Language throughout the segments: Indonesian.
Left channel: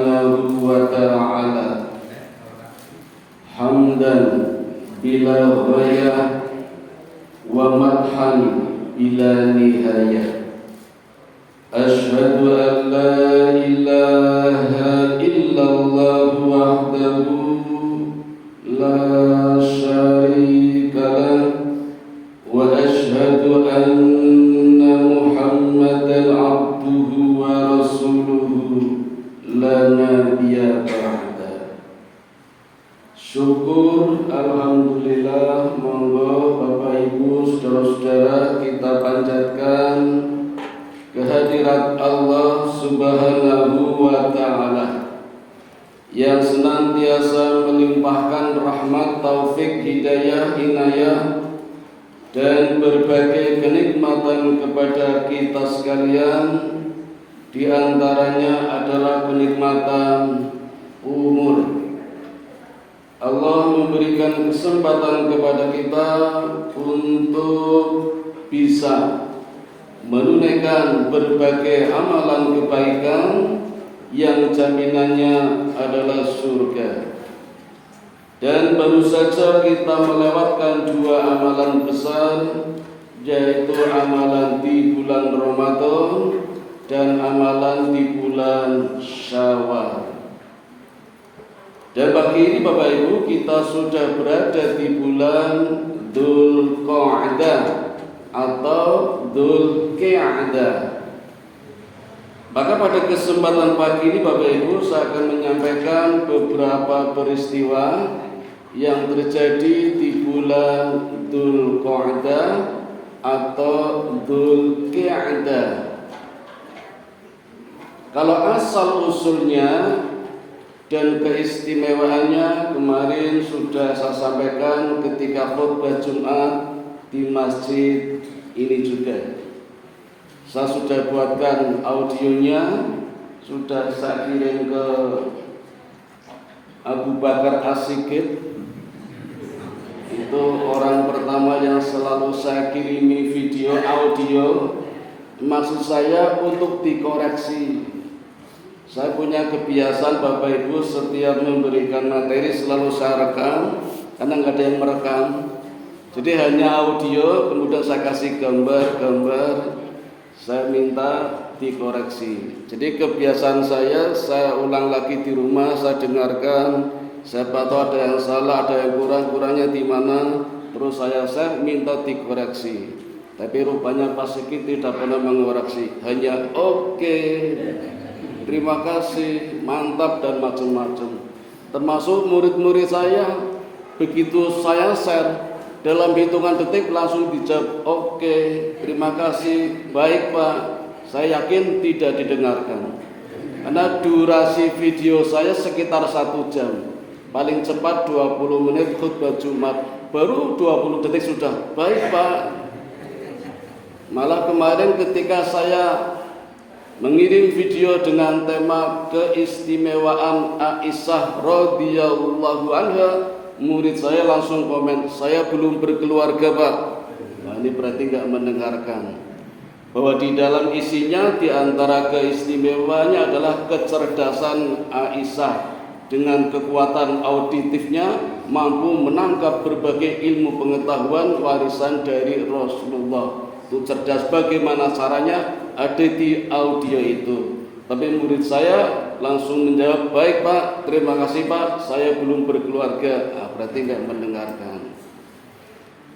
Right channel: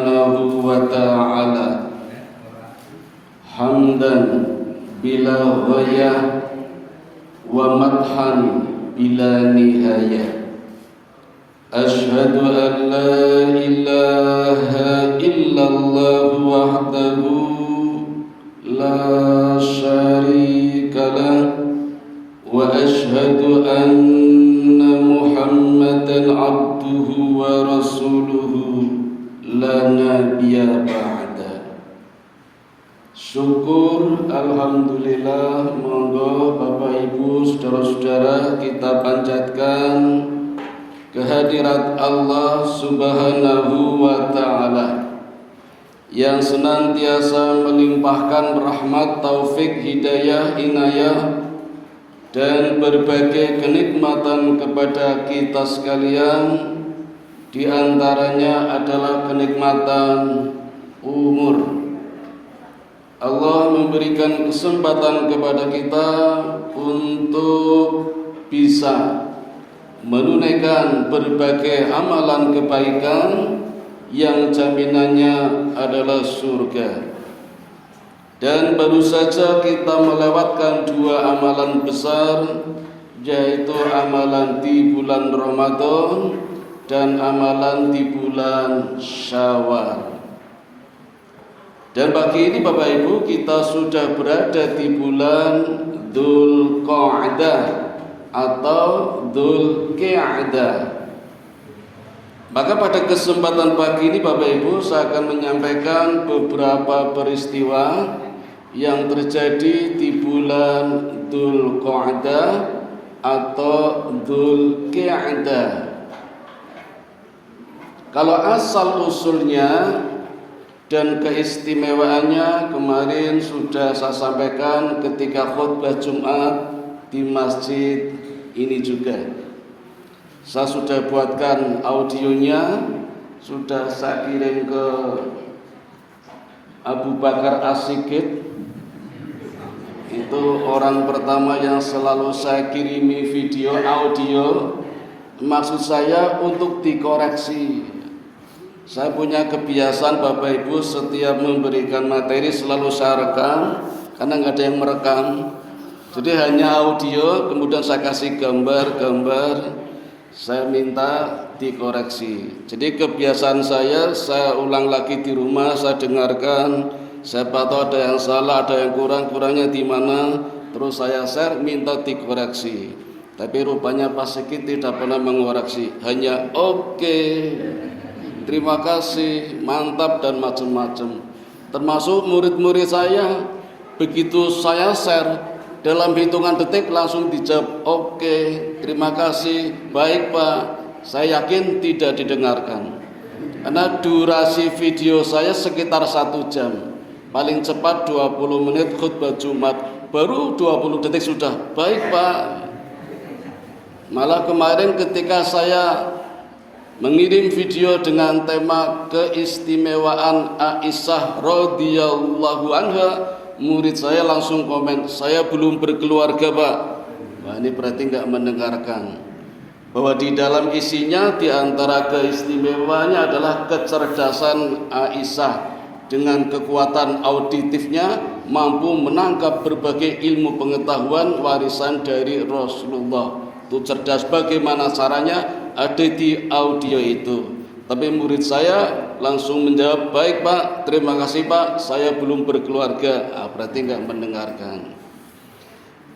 subhanahu wa ta'ala hamdan bila ghayah wa madhan bila nihayah. Ashhadu an la ilaha illallah wahdahu la syarika lah wa ashhadu anna Muhammadan abduhu wa rasuluhu la nabiyya ba'da. Syukur, alhamdulillah, monggo Bapak Ibu saudara-saudara kita panjatkan kehadirat Allah subhanahu wa ta'ala yang senantiasa melimpahkan rahmat, taufik, hidayah, inayah dan berbagai kenikmatan kepada kita sekalian. Di antaranya adalah kenikmatan umur. Allah memberikan kesempatan kepada kita untuk bisa menunaikan berbagai amalan kebaikan yang jaminannya adalah surga. Dan baru saja kita melewatkan dua amalan besar, yaitu amalan di bulan Ramadan dan amalan di bulan Syawal. Dan pagi ini Bapak Ibu kita sudah berada di bulan Dzulqa'dah atau Dzulqa'dah. Maka pada kesempatan pagi ini Bapak Ibu saya akan menyampaikan beberapa peristiwa yang terjadi di bulan Dzulqa'dah atau Dzulqa'dah. Kalau asal usulnya dan keistimewaannya kemarin sudah saya sampaikan ketika khutbah Jumat di masjid ini juga. Saya sudah buatkan audionya, sudah saya kirim ke Abu Bakar As-Sigit. Itu orang pertama yang selalu saya kirimi video audio. Maksud saya untuk dikoreksi. Saya punya kebiasaan Bapak Ibu setiap memberikan materi selalu saya rekam, karena nggak ada yang merekam. Jadi hanya audio, kemudian saya kasih gambar-gambar. Saya minta dikoreksi. Jadi kebiasaan saya ulang lagi di rumah, saya dengarkan. Siapa tahu ada yang salah, ada yang kurang-kurangnya di mana, terus saya share, minta dikoreksi. Tapi rupanya Pak Sigit tidak pernah mengoreksi, hanya oke, terima kasih, mantap dan macam-macam. Termasuk murid-murid saya, begitu saya share, dalam hitungan detik langsung dijawab oke, terima kasih, baik Pak. Saya yakin tidak didengarkan, karena durasi video saya sekitar 1 jam. Paling cepat 20 menit khutbah Jumat, baru 20 detik sudah baik Pak. Malah kemarin ketika saya mengirim video dengan tema keistimewaan Aisyah radhiyallahu anha, murid saya langsung komen, saya belum berkeluarga Pak. Nah ini berarti nggak mendengarkan bahwa di dalam isinya di antara keistimewaannya adalah kecerdasan Aisyah dengan kekuatan auditifnya mampu menangkap berbagai ilmu pengetahuan warisan dari Rasulullah. Itu cerdas bagaimana caranya ada di audio itu. Tapi murid saya langsung menjawab, baik Pak, terima kasih Pak, saya belum berkeluarga. Berarti nggak mendengarkan.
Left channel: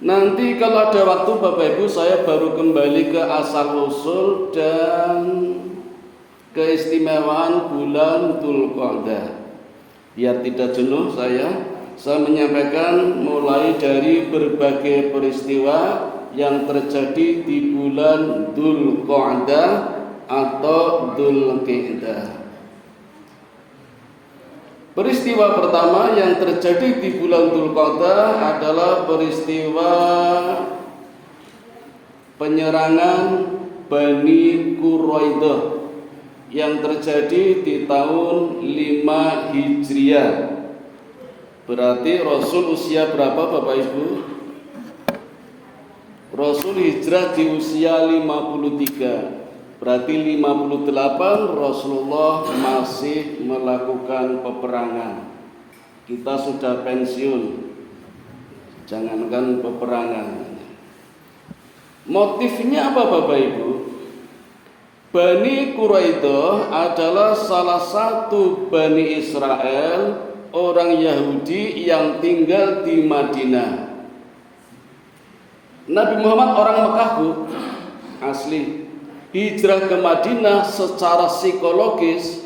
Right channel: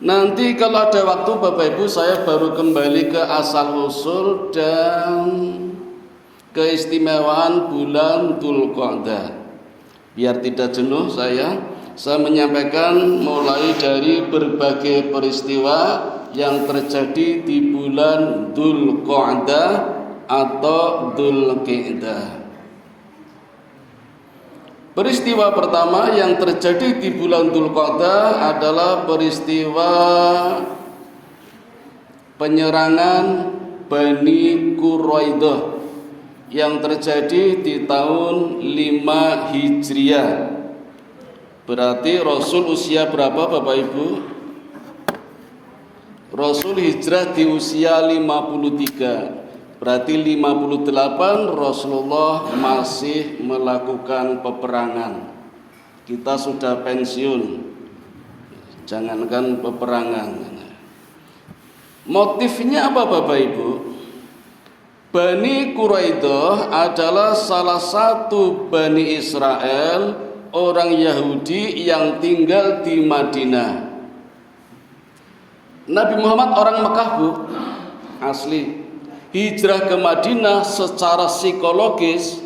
Nanti kalau ada waktu Bapak Ibu saya baru kembali ke asal usul dan keistimewaan bulan Dzulqa'dah. Biar tidak jenuh saya menyampaikan mulai dari berbagai peristiwa yang terjadi di bulan Dzulqa'dah atau Dzulqa'dah. Peristiwa pertama yang terjadi di bulan Dzulqa'dah adalah peristiwa penyerangan Bani Quraidah yang terjadi di tahun 5 Hijriah. Berarti Rasul usia berapa Bapak Ibu? Rasul hijrah di usia 53. Berarti 58 Rasulullah masih melakukan peperangan. Kita sudah pensiun, jangankan peperangan. Motifnya apa Bapak Ibu? Bani Quraidah adalah salah satu Bani Israel, orang Yahudi yang tinggal di Madinah. Nabi Muhammad orang Mekah Bu, asli. Hijrah ke Madinah secara psikologis,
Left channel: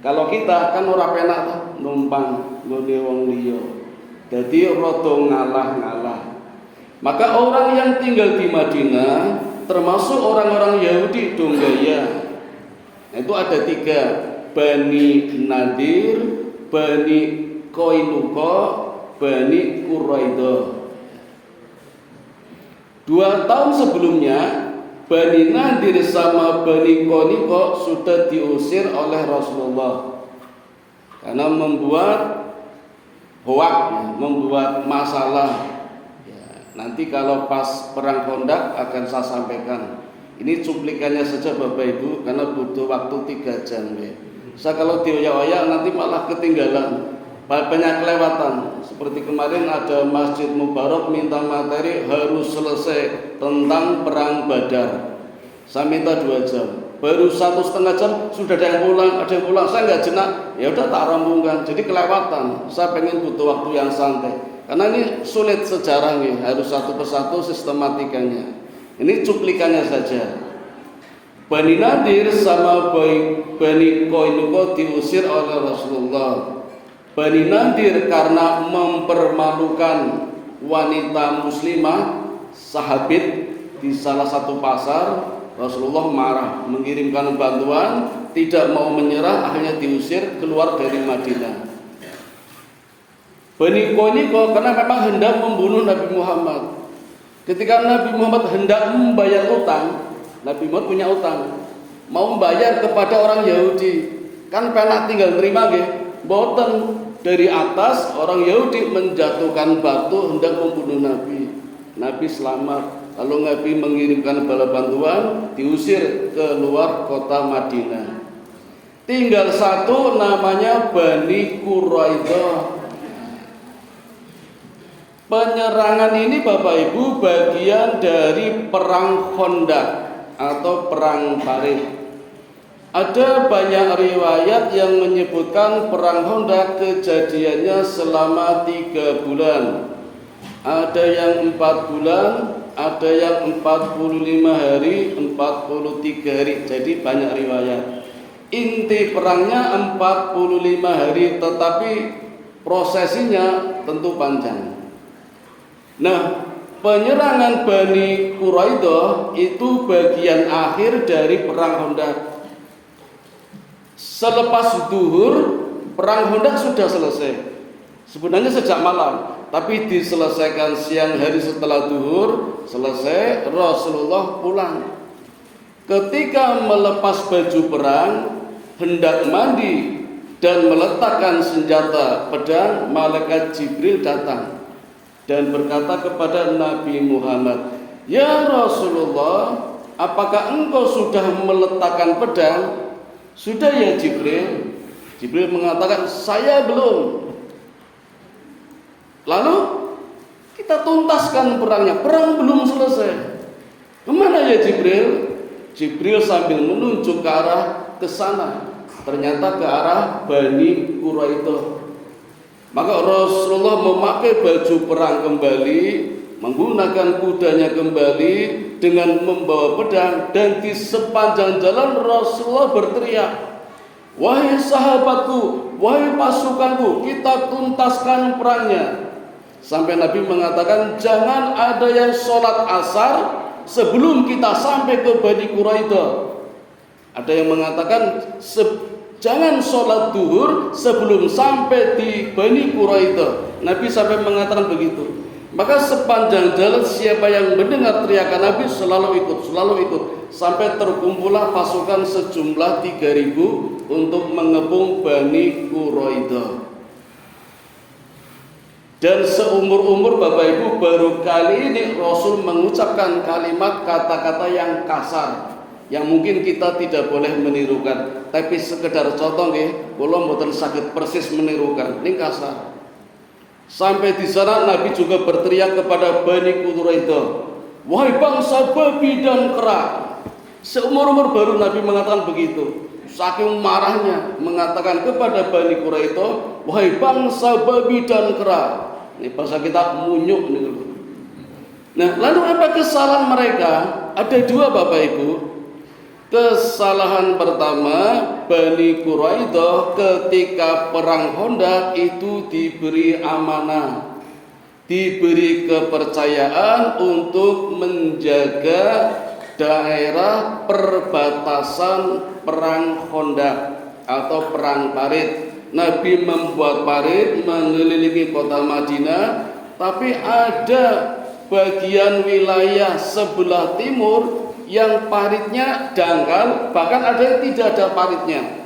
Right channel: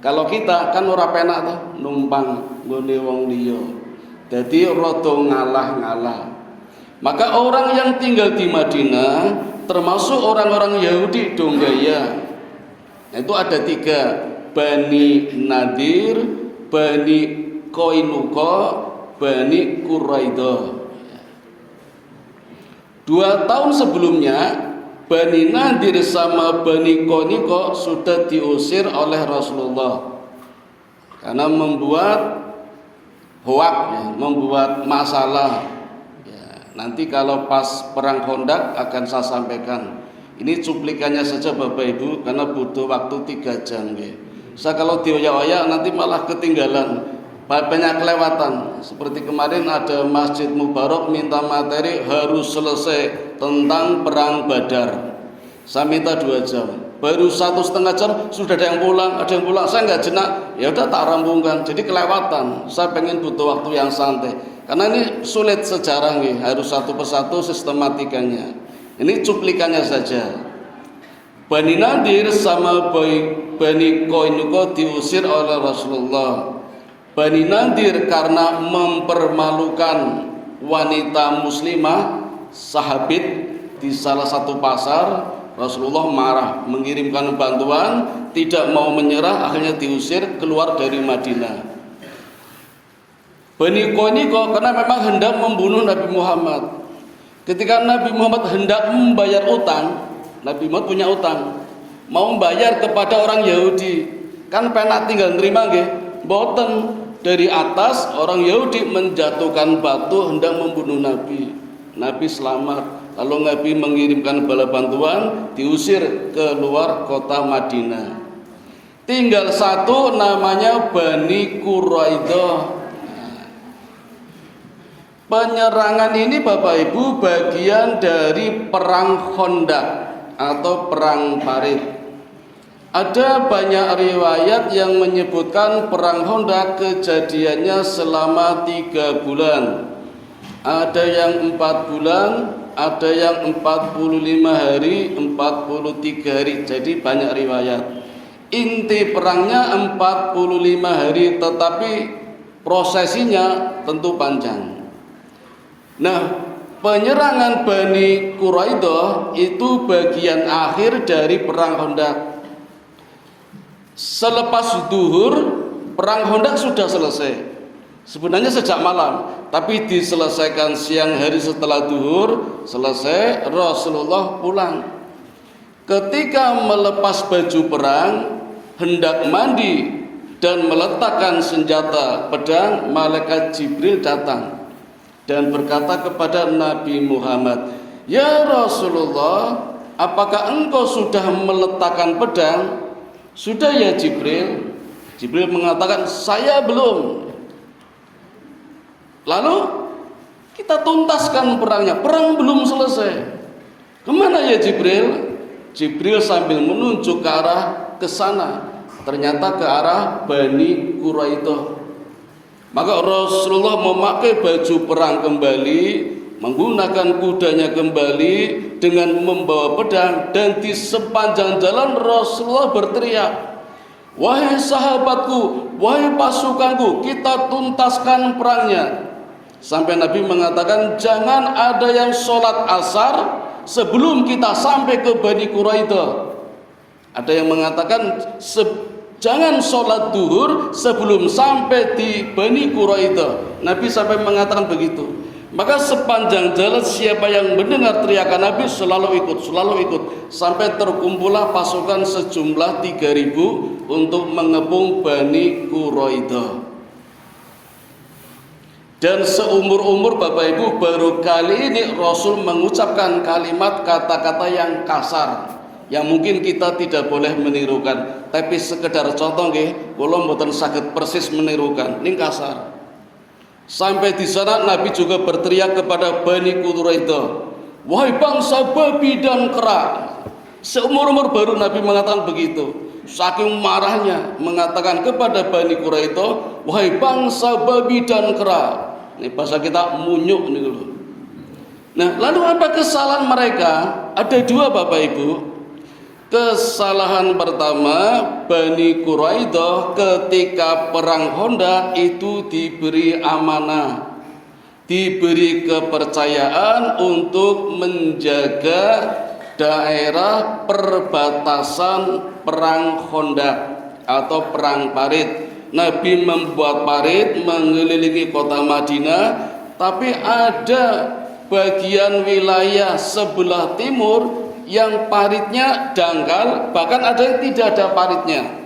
kalau kita kan ora penak tuh numpang nggone wong liya. Dadi rada ngalah-ngalah. Maka orang yang tinggal di Madinah termasuk orang-orang Yahudi donggaya. Nah, itu ada 3, Bani Nadir, Bani Qainuqa, Bani Quraidah. 2 tahun sebelumnya Bani Nadir sama Bani Qainuqa sudah diusir oleh Rasulullah karena membuat hoak, membuat masalah. Nanti kalau pas perang Khandaq akan saya sampaikan. Ini cuplikannya saja Bapak Ibu karena butuh waktu 3 jam. Saya kalau dioyak-oyak nanti malah ketinggalan, banyak kelewatan. Seperti kemarin ada Masjid Mubarak minta materi harus selesai tentang perang Badar. Saya minta 2 jam. Baru 1,5 jam sudah ada yang pulang, saya nggak jenak. Ya udah tak rampungkan. Jadi kelewatan. Saya pengen butuh waktu yang santai. Karena ini sulit sejarah nih, harus satu persatu sistematikanya. Ini cuplikannya saja. Bani Nadir sama Bani Qainuqa diusir oleh Rasulullah. Bani Nadir karena mempermalukan wanita muslimah sahabit di salah satu pasar, Rasulullah marah, mengirimkan bantuan, tidak mau menyerah, akhirnya diusir keluar dari Madinah. Bani Qainuqa karena memang hendak membunuh Nabi Muhammad. Ketika Nabi Muhammad hendak membayar utang, Nabi Muhammad punya utang, mau membayar kepada orang Yahudi, kan penak tinggal nerima nggih, boten. Dari atas orang Yahudi menjatuhkan batu hendak membunuh Nabi. Nabi selamat. Lalu Nabi mengirimkan bala bantuan, diusir ke luar kota Madinah. Tinggal 1 namanya Bani Quraidah. Penyerangan ini Bapak Ibu bagian dari perang Khandaq atau perang Parit. Ada banyak riwayat yang menyebutkan perang Khandaq kejadiannya selama 3 bulan. Ada yang 4 bulan, ada yang 45 hari, 43 hari. Jadi banyak riwayat. Inti perangnya 45 hari, tetapi prosesinya tentu panjang. Nah, penyerangan Bani Quraidah itu bagian akhir dari perang Khandaq. Selepas zuhur, perang Khandaq sudah selesai. Sebenarnya sejak malam, tapi diselesaikan siang hari setelah zuhur, selesai, Rasulullah pulang. Ketika melepas baju perang, hendak mandi dan meletakkan senjata pedang, malaikat Jibril datang dan berkata kepada Nabi Muhammad, "Ya Rasulullah, apakah engkau sudah meletakkan pedang?" "Sudah ya Jibril." Jibril mengatakan, "Saya belum." Lalu kita tuntaskan perangnya, perang belum selesai. Kemana ya Jibril? Jibril sambil menunjuk ke arah ke sana, ternyata ke arah Bani Quraidah. Maka Rasulullah memakai baju perang kembali, menggunakan kudanya kembali dengan membawa pedang, dan di sepanjang jalan Rasulullah berteriak, "Wahai sahabatku, wahai pasukanku, kita tuntaskan perangnya." Sampai Nabi mengatakan, "Jangan ada yang sholat asar sebelum kita sampai ke Bani Quraidah." Ada yang mengatakan jangan sholat duhur sebelum sampai di Bani Quraidah. Nabi sampai mengatakan begitu. Maka sepanjang jalan siapa yang mendengar teriakan Nabi selalu ikut, sampai terkumpullah pasukan sejumlah 3.000 untuk mengepung Bani Quraidah. Dan seumur-umur Bapak Ibu baru kali ini Rasul mengucapkan kalimat kata-kata yang kasar. yang mungkin kita tidak boleh menirukan, tapi sekedar contoh nggih, kula mboten saged persis menirukan, ning kasar. Sampai di sana Nabi juga berteriak kepada Bani Quraidah, wahai bangsa babi dan kera. Seumur-umur baru Nabi mengatakan begitu. Saking marahnya mengatakan kepada Bani Quraidah, wahai bangsa babi dan kera. Ini bahasa kita munyuk nih dulu. Nah, lalu apa kesalahan mereka? Ada dua Bapak Ibu. Kesalahan pertama, Bani Quraidah ketika perang Khandaq itu diberi amanah, diberi kepercayaan untuk menjaga daerah perbatasan perang Khandaq atau perang parit. Nabi membuat parit mengelilingi kota Madinah, tapi ada bagian wilayah sebelah timur yang paritnya dangkal, bahkan ada yang tidak ada paritnya.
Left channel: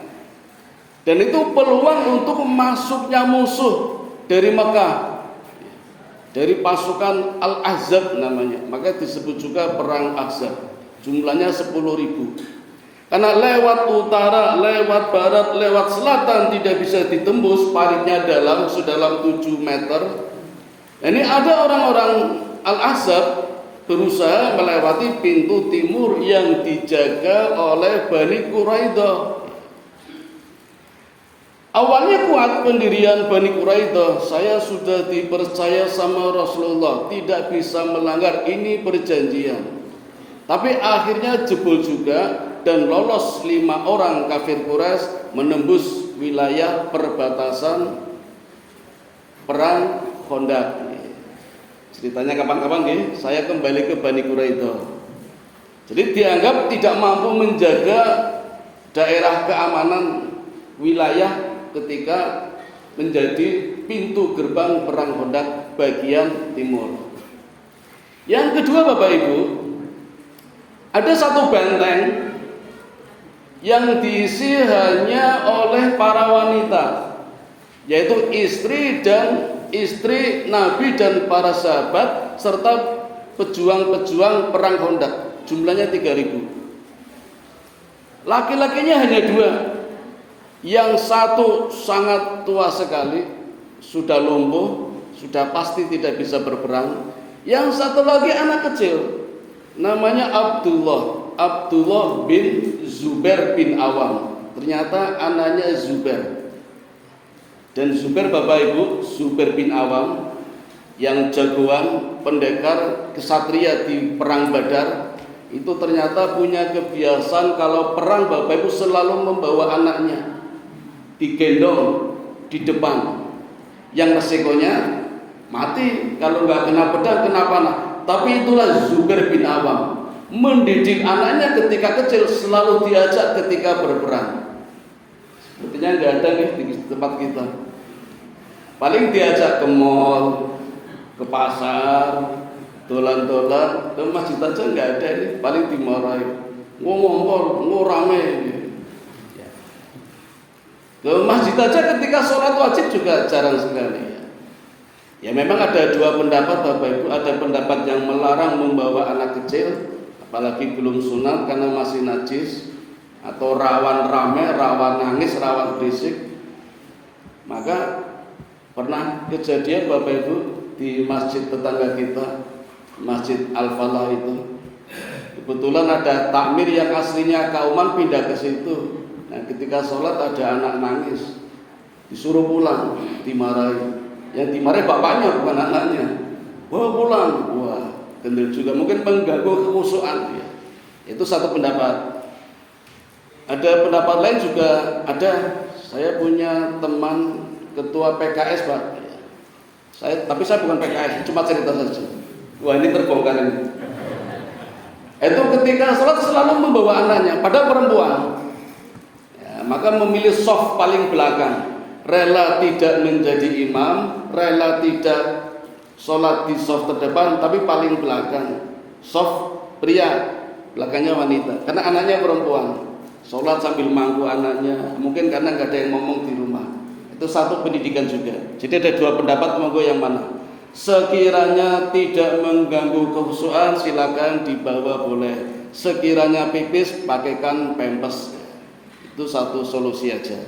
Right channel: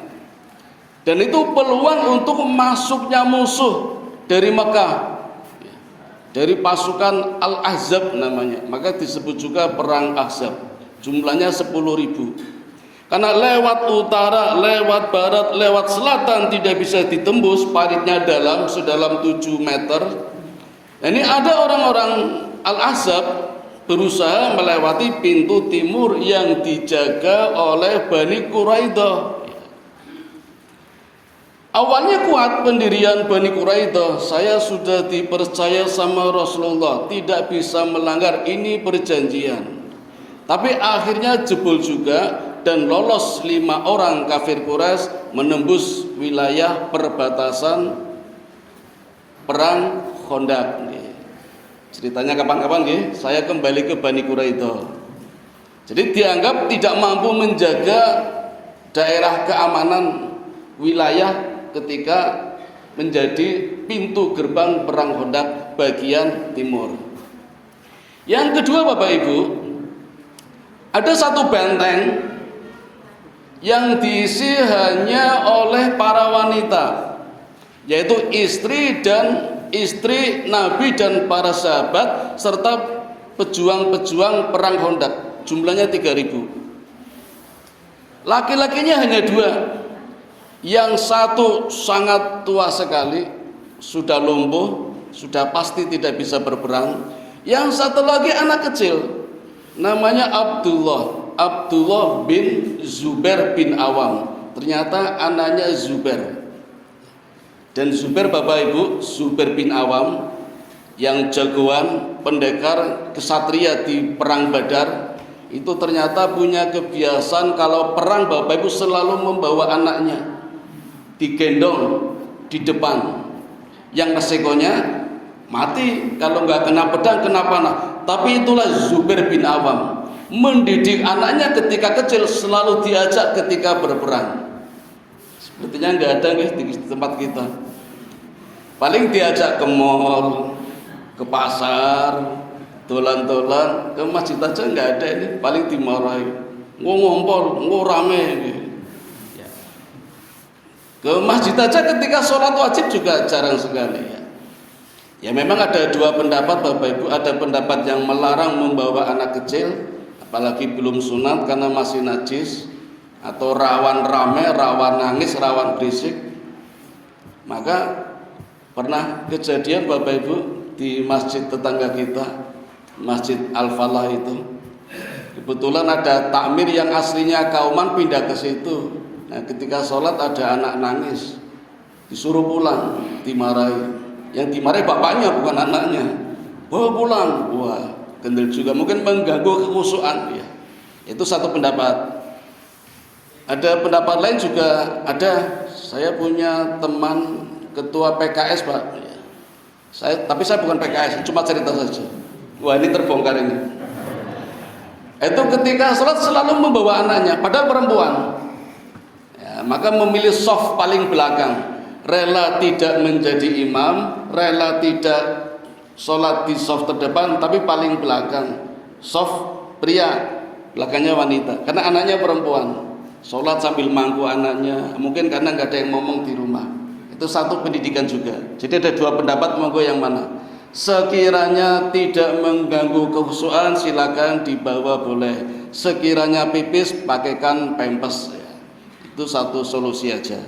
Dan itu peluang untuk masuknya musuh dari Mekah, dari pasukan Al-Ahzab namanya. Maka disebut juga perang Ahzab. Jumlahnya 10.000. Karena lewat utara, lewat barat, lewat selatan tidak bisa ditembus, paritnya sedalam 7 meter. Ini ada orang-orang Al-Ahzab berusaha melewati pintu timur yang dijaga oleh Bani Quraidah. Awalnya kuat pendirian Bani Quraidah, saya sudah dipercaya sama Rasulullah, tidak bisa melanggar, ini perjanjian. Tapi akhirnya jebol juga dan lolos 5 orang kafir Quraisy menembus wilayah perbatasan perang Khandaq. Ceritanya kapan-kapan nih, saya kembali ke Bani Quraidah. Jadi dianggap tidak mampu menjaga daerah keamanan wilayah ketika menjadi pintu gerbang perang Khandaq bagian timur. Yang kedua Bapak Ibu, ada satu benteng yang diisi hanya oleh para wanita, yaitu istri Nabi dan para sahabat serta pejuang-pejuang perang Khandaq. Jumlahnya 3.000. Laki-lakinya hanya 2. Yang satu sangat tua sekali, sudah lumpuh, sudah pasti tidak bisa berperang. Yang satu lagi anak kecil, namanya Abdullah bin Zubair bin Awam. Ternyata anaknya Zubair. Dan Zubair Bapak Ibu, Zubair bin Awam yang jagoan pendekar kesatria di perang Badar, itu ternyata punya kebiasaan kalau perang Bapak Ibu selalu membawa anaknya digendong di depan. Yang resikonya mati kalau nggak kena pedang, kena panah. Tapi itulah Zubair bin Awam, mendidik anaknya ketika kecil, selalu diajak ketika berperang. Sepertinya nggak ada nih di tempat kita. Paling diajak ke mall, ke pasar, dolan-dolan, ke masjid aja nggak ada ini. Paling dimarahi, ngompol, rame. Ke masjid aja ketika sholat wajib juga jarang sekali. Ya memang ada 2 pendapat Bapak Ibu. Ada pendapat yang melarang membawa anak kecil, apalagi belum sunat karena masih najis, atau rawan rame, rawan nangis, rawan berisik. Maka pernah kejadian Bapak Ibu di masjid tetangga kita, Masjid Al-Falah itu. Kebetulan ada takmir yang aslinya Kauman pindah ke situ. Nah, ketika sholat ada anak nangis, disuruh pulang, dimarahi. Yang dimarahi bapaknya bukan anaknya. Bawa pulang. Wah, kendel juga, mungkin mengganggu kekhusyuan. Ya. Itu satu pendapat. Ada pendapat lain juga ada. Saya punya teman ketua PKS Pak. Tapi saya bukan PKS, cuma cerita saja. Wah, ini terbongkar ini. Itu ketika sholat selalu membawa anaknya, pada perempuan. Ya, maka memilih soft paling belakang, rela tidak menjadi imam, rela tidak sholat di soft terdepan, tapi paling belakang. Soft pria, belakangnya wanita. Karena anaknya perempuan. Sholat sambil mangku anaknya, mungkin karena nggak ada yang ngomong di rumah. Itu satu pendidikan juga. Jadi ada 2 pendapat, monggo yang mana? Sekiranya tidak mengganggu kekhusyuan silakan dibawa boleh. Sekiranya pipis pakaikan pampers. Itu satu solusi aja.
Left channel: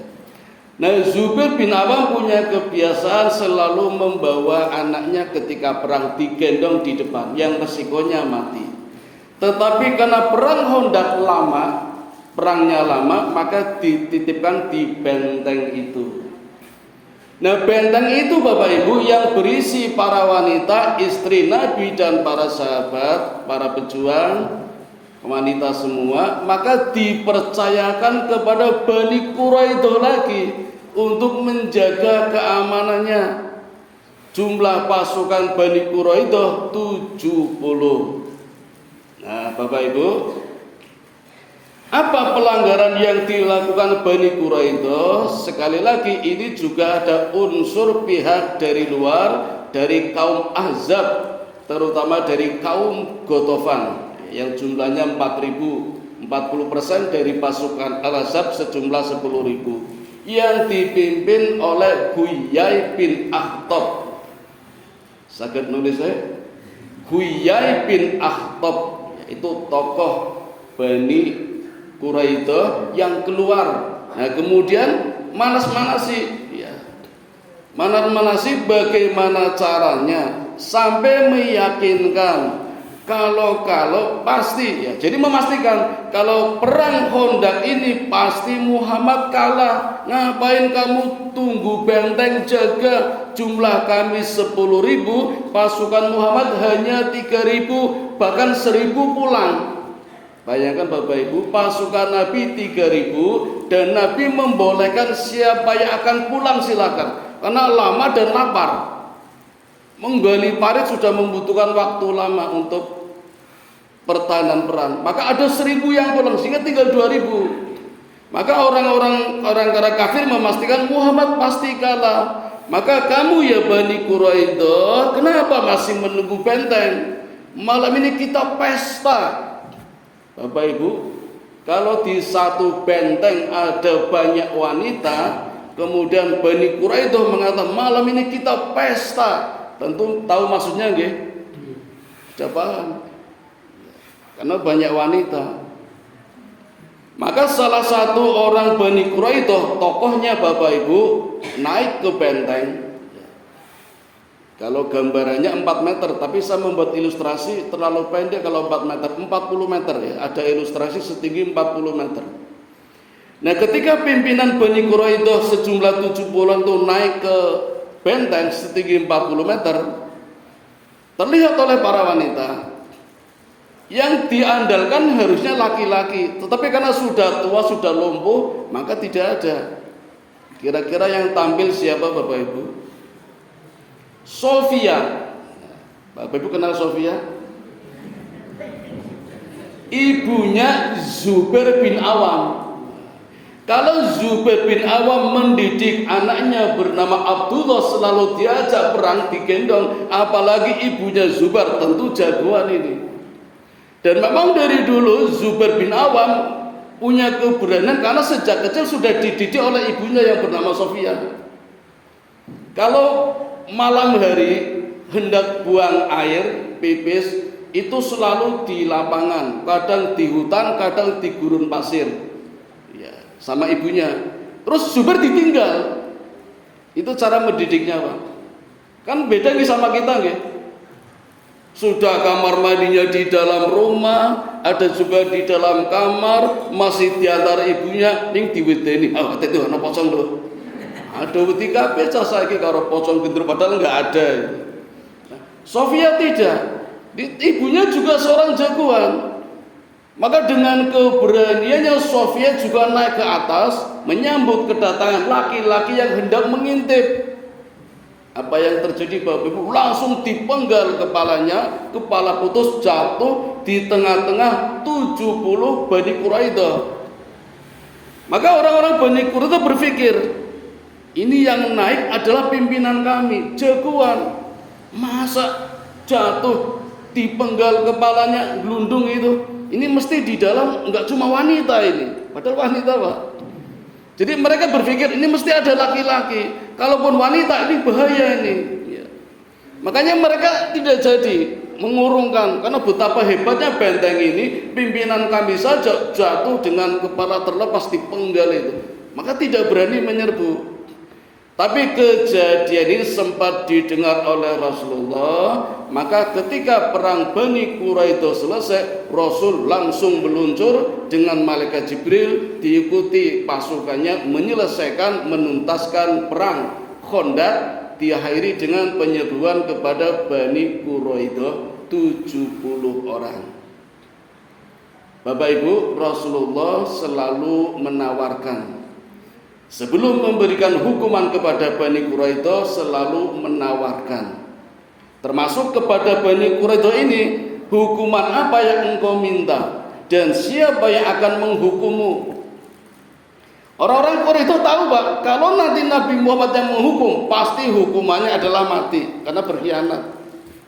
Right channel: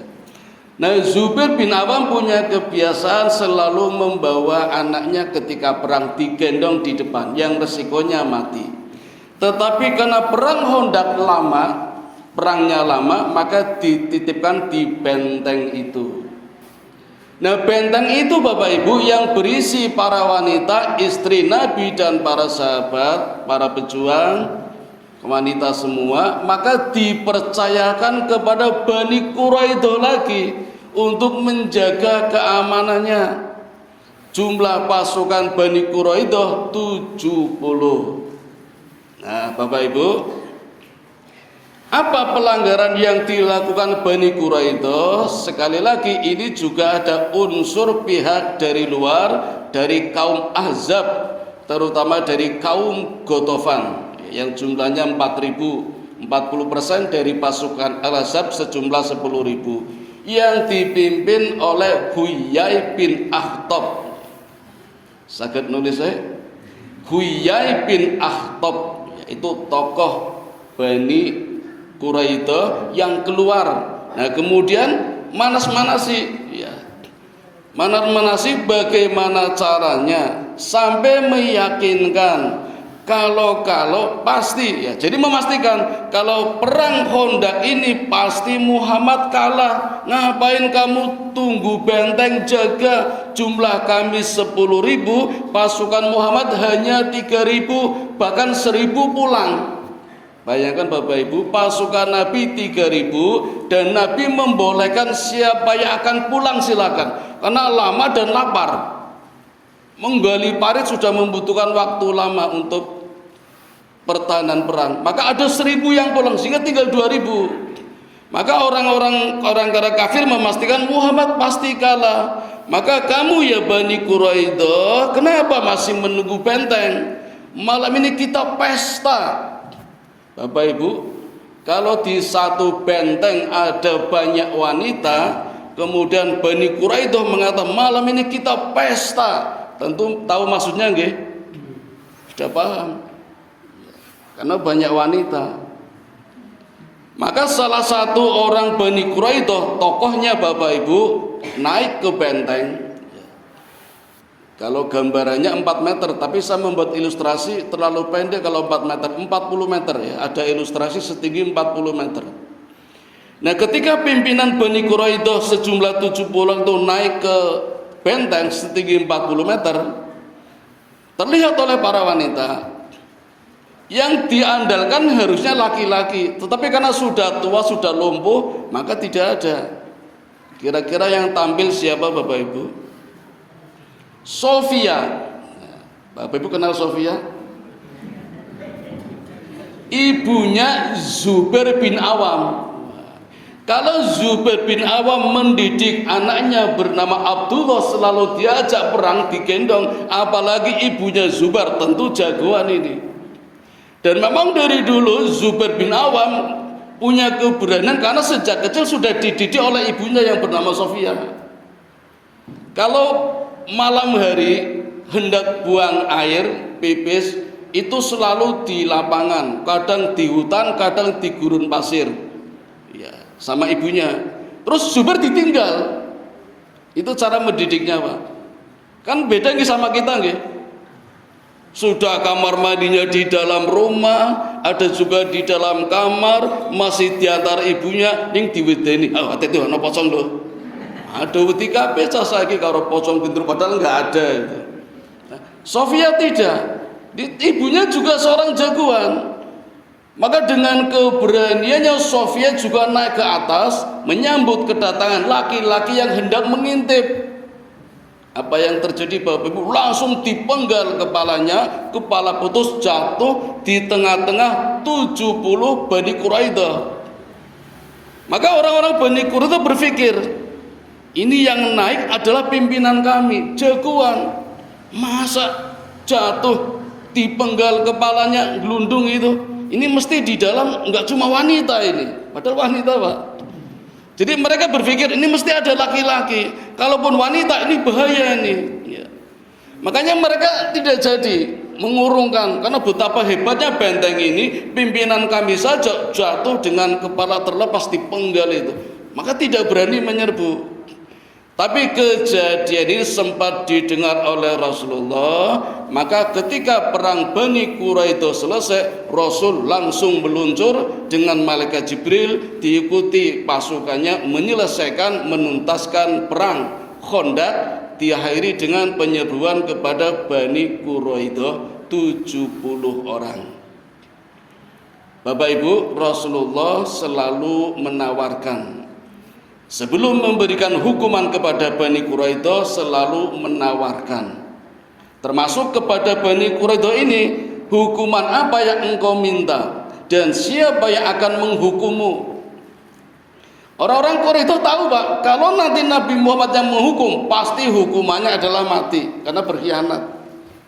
Nah, Zubair bin Awam punya kebiasaan selalu membawa anaknya ketika perang digendong di depan yang resikonya mati. Tetapi karena perang Khandaq perangnya lama, maka dititipkan di benteng itu. Nah, benteng itu Bapak Ibu yang berisi para wanita, istri Nabi dan para sahabat, para pejuang, wanita semua, maka dipercayakan kepada Bani Quraidah lagi untuk menjaga keamanannya. Jumlah pasukan Bani Quraidah 70. Nah, Bapak Ibu, apa pelanggaran yang dilakukan Bani Quraidah? Sekali lagi ini juga ada unsur pihak dari luar, dari kaum Ahzab, terutama dari kaum Ghatafan yang jumlahnya 4.000, 40% dari pasukan Al-Ahzab sejumlah 10.000 yang dipimpin oleh Huyai bin Akhtab. Sakit nulis saya? Huyai bin Akhtab, itu tokoh Bani Quraidah yang keluar. Nah, kemudian manas-manasi, ya. Manas-manasi bagaimana caranya sampai meyakinkan kalau pasti, ya. Jadi memastikan kalau perang Khandaq ini pasti Muhammad kalah. Ngapain kamu tunggu benteng jaga? Jumlah kami 10.000, pasukan Muhammad hanya 3.000, bahkan 1.000 pulang. Bayangkan Bapak Ibu, pasukan Nabi 3.000 dan Nabi membolehkan siapa yang akan pulang silakan, karena lama dan lapar. Menggali parit sudah membutuhkan waktu lama untuk pertahanan perang. Maka ada 1.000 yang pulang sehingga tinggal 2.000. Maka orang kafir memastikan Muhammad pasti kalah. Maka kamu ya Bani Quraidah, kenapa masih menunggu benteng? Malam ini kita pesta. Bapak Ibu, kalau di satu benteng ada banyak wanita, kemudian Bani Quraidah mengatakan malam ini kita pesta, tentu tahu maksudnya nggih? Sudah paham? Karena banyak wanita. Maka salah satu orang Bani Quraidah, tokohnya Bapak Ibu, naik ke benteng. Kalau gambarannya 4 meter, tapi saya membuat ilustrasi terlalu pendek kalau 4 meter, 40 meter ya. Ada ilustrasi setinggi 40 meter. Nah, ketika pimpinan Bani Quraidah sejumlah 70 itu naik ke benteng setinggi 40 meter, terlihat oleh para wanita yang diandalkan harusnya laki-laki, tetapi karena sudah tua, sudah lumpuh, maka tidak ada. Kira-kira yang tampil siapa Bapak Ibu? Sofia. Bapak Ibu kenal Sofia? Ibunya Zubair bin Awam. Kalau Zubair bin Awam mendidik anaknya bernama Abdullah selalu diajak perang digendong, apalagi ibunya Zubair, tentu jagoan ini. Dan memang dari dulu Zubair bin Awam punya keberanian karena sejak kecil sudah dididik oleh ibunya yang bernama Sofia. Kalau malam hari hendak buang air, pipis, itu selalu di lapangan, kadang di hutan, kadang di gurun pasir, ya, sama ibunya. Terus Zubair ditinggal. Itu cara mendidiknya, Pak. Kan beda nih sama kita nggih. Sudah kamar mandinya di dalam rumah, ada juga di dalam kamar, masih diantar ibunya, ning diwedeni, hati ono pocong lho. Ada wedi kabeh cah saiki karo pocong pinter padahal enggak ada itu. Sofia tidak. Ibunya juga seorang jagoan. Maka dengan keberaniannya Sofia juga naik ke atas menyambut kedatangan laki-laki yang hendak mengintip. Apa yang terjadi Bapak Ibu? Langsung dipenggal kepalanya, kepala putus jatuh di tengah-tengah 70 Bani Quraidah. Maka orang-orang Bani Quraidah berpikir, ini yang naik adalah pimpinan kami, jagoan. Masa jatuh dipenggal kepalanya, gelundung itu. Ini mesti di dalam enggak cuma wanita ini, padahal wanita, Pak. Jadi mereka berpikir ini mesti ada laki-laki. Kalaupun wanita ini bahaya ini. Ya. Makanya mereka tidak jadi mengurungkan, karena betapa hebatnya benteng ini, pimpinan kami saja jatuh dengan kepala terlepas di penggal itu, maka tidak berani menyerbu. Tapi kejadian ini sempat didengar oleh Rasulullah. Maka ketika perang Bani Quraidah selesai, Rasul langsung meluncur dengan malaikat Jibril, diikuti pasukannya, menyelesaikan, menuntaskan perang Khandaq, diakhiri dengan penyerbuan kepada Bani Quraidah 70 orang. Bapak Ibu, Rasulullah selalu menawarkan, sebelum memberikan hukuman kepada Bani Quraidah, selalu menawarkan, termasuk kepada Bani Quraidah ini, hukuman apa yang engkau minta dan siapa yang akan menghukummu. Orang-orang Quraidah tahu, Pak, kalau nanti Nabi Muhammad yang menghukum, pasti hukumannya adalah mati karena berkhianat.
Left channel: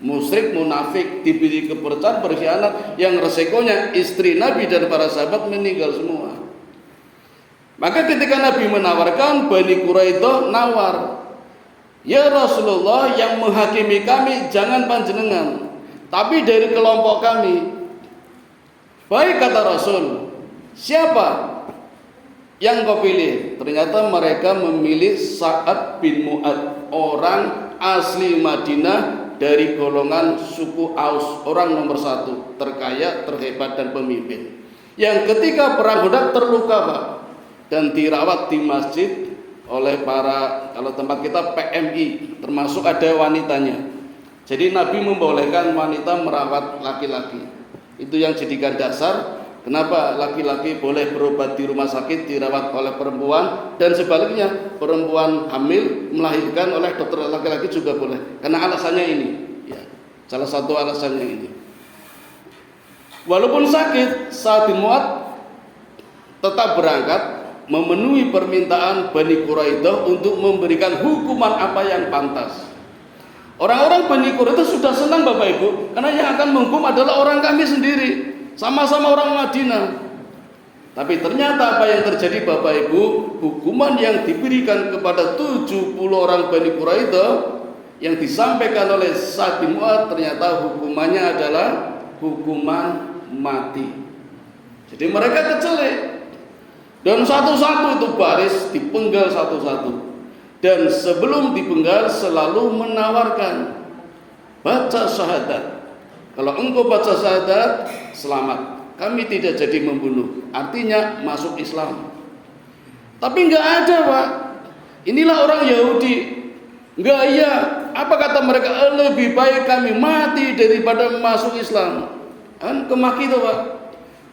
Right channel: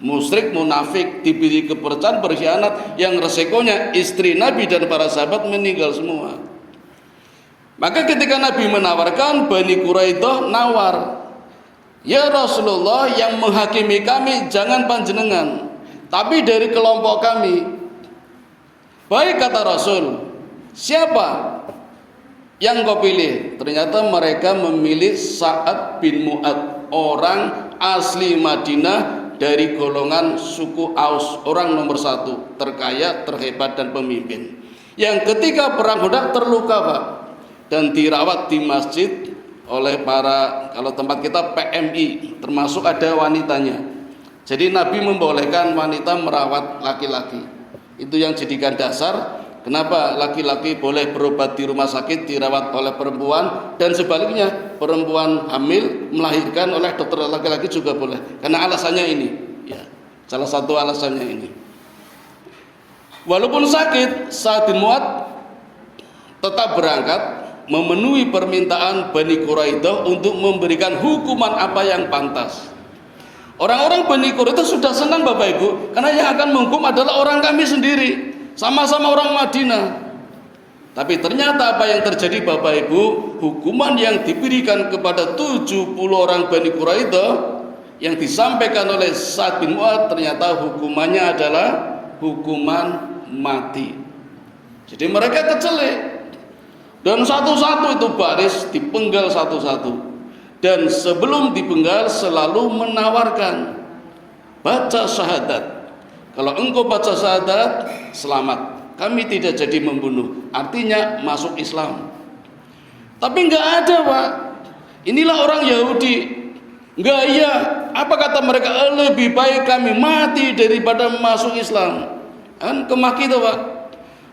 Musyrik, munafik, diberi kepercayaan, berkhianat, yang resikonya istri Nabi dan para sahabat meninggal semua. Maka ketika Nabi menawarkan, Bani Quraidah nawar, ya Rasulullah, yang menghakimi kami jangan panjenengan, tapi dari kelompok kami. Baik, kata Rasul, siapa yang kau pilih? Ternyata mereka memilih Sa'ad bin Mu'ad, orang asli Madinah dari golongan suku Aus, orang nomor 1, terkaya, terhebat dan pemimpin, yang ketika perang Khandaq terluka, Pak, dan dirawat di masjid oleh para, kalau tempat kita PMI, termasuk ada wanitanya. Jadi Nabi membolehkan wanita merawat laki-laki. Itu yang jadikan dasar kenapa laki-laki boleh berobat di rumah sakit, dirawat oleh perempuan, dan sebaliknya perempuan hamil melahirkan oleh dokter laki-laki juga boleh. Karena alasannya ini, ya, salah satu alasannya ini. Walaupun sakit, Sa'ad bin Mu'ad tetap berangkat memenuhi permintaan Bani Quraidah untuk memberikan hukuman apa yang pantas. Orang-orang Bani Quraidah sudah senang, Bapak Ibu, karena yang akan menghukum adalah orang kami sendiri, sama-sama orang Madinah. Tapi ternyata apa yang terjadi, Bapak Ibu, hukuman yang diberikan kepada 70 orang Bani Quraidah yang disampaikan oleh Sa'ad bin Mu'ad, ternyata hukumannya adalah hukuman mati. Jadi mereka kecelek, dan satu-satu itu baris dipenggal satu-satu, dan sebelum dipenggal selalu menawarkan, baca syahadat. Kalau engkau baca syahadat, selamat, kami tidak jadi membunuh, artinya masuk Islam. Tapi nggak ada, Pak. Inilah orang Yahudi. Nggak, iya, apa kata mereka? Lebih baik kami mati daripada masuk Islam. Kan kemaki itu, Pak.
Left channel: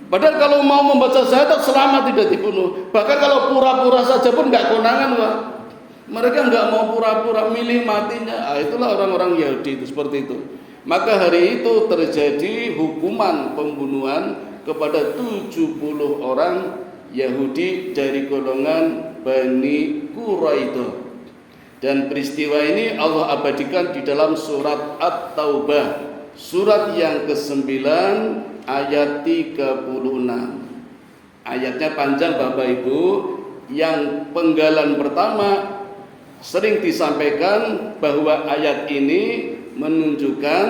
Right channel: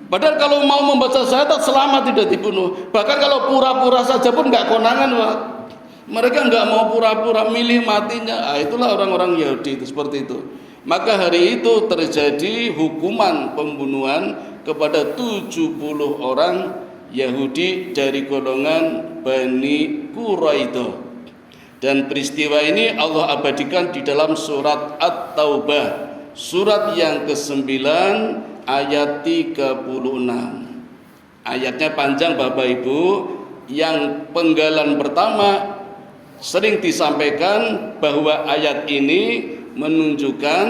Padahal kalau mau membaca syahadat selamat, tidak dibunuh. Bahkan kalau pura-pura saja pun nggak konangan, Pak. Mereka nggak mau pura-pura, milih matinya. Itulah orang-orang Yahudi itu, seperti itu. Maka hari itu terjadi hukuman pembunuhan kepada 70 orang Yahudi dari golongan Bani Quraidah. Dan peristiwa ini Allah abadikan di dalam surat At-Taubah, surat yang ke-9 ayat 36. Ayatnya panjang, Bapak Ibu. Yang penggalan pertama sering disampaikan bahwa ayat ini menunjukkan,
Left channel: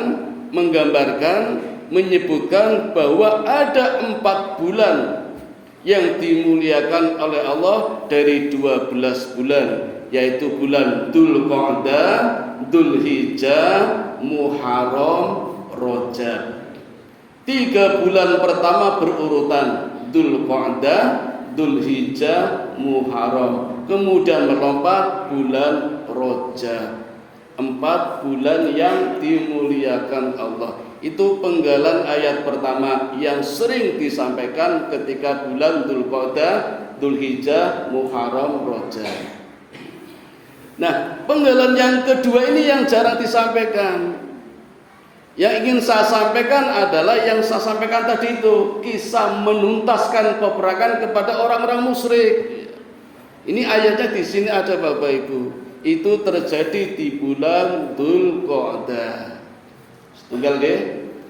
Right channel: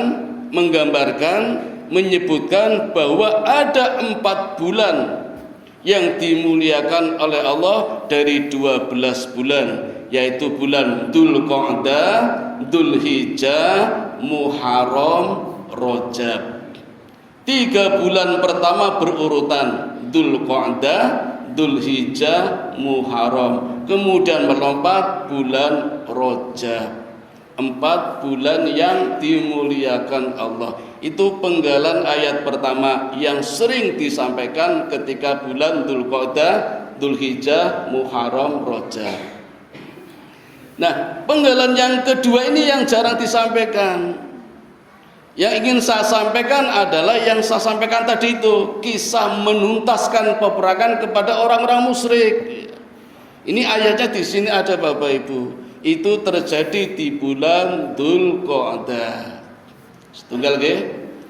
menggambarkan, menyebutkan bahwa ada 4 bulan yang dimuliakan oleh Allah dari 12 bulan, yaitu bulan Dzulqa'dah, Dzulhijjah, Muharram, Rajab. 3 bulan pertama berurutan, Dzulqa'dah, Dzulhijjah, Muharram, kemudian melompat bulan Rajab. 4 bulan yang dimuliakan Allah. Itu penggalan ayat pertama yang sering disampaikan ketika bulan Dzulqa'dah, Dzulhijjah, Muharram, Rajab. Nah, penggalan yang kedua ini yang jarang disampaikan. Yang ingin saya sampaikan adalah yang saya sampaikan tadi itu, kisah menuntaskan peperangan kepada orang-orang musyrik. Ini ayatnya di sini ada, Bapak Ibu. Itu terjadi di bulan Dzulqa'dah. Setunggal nggih.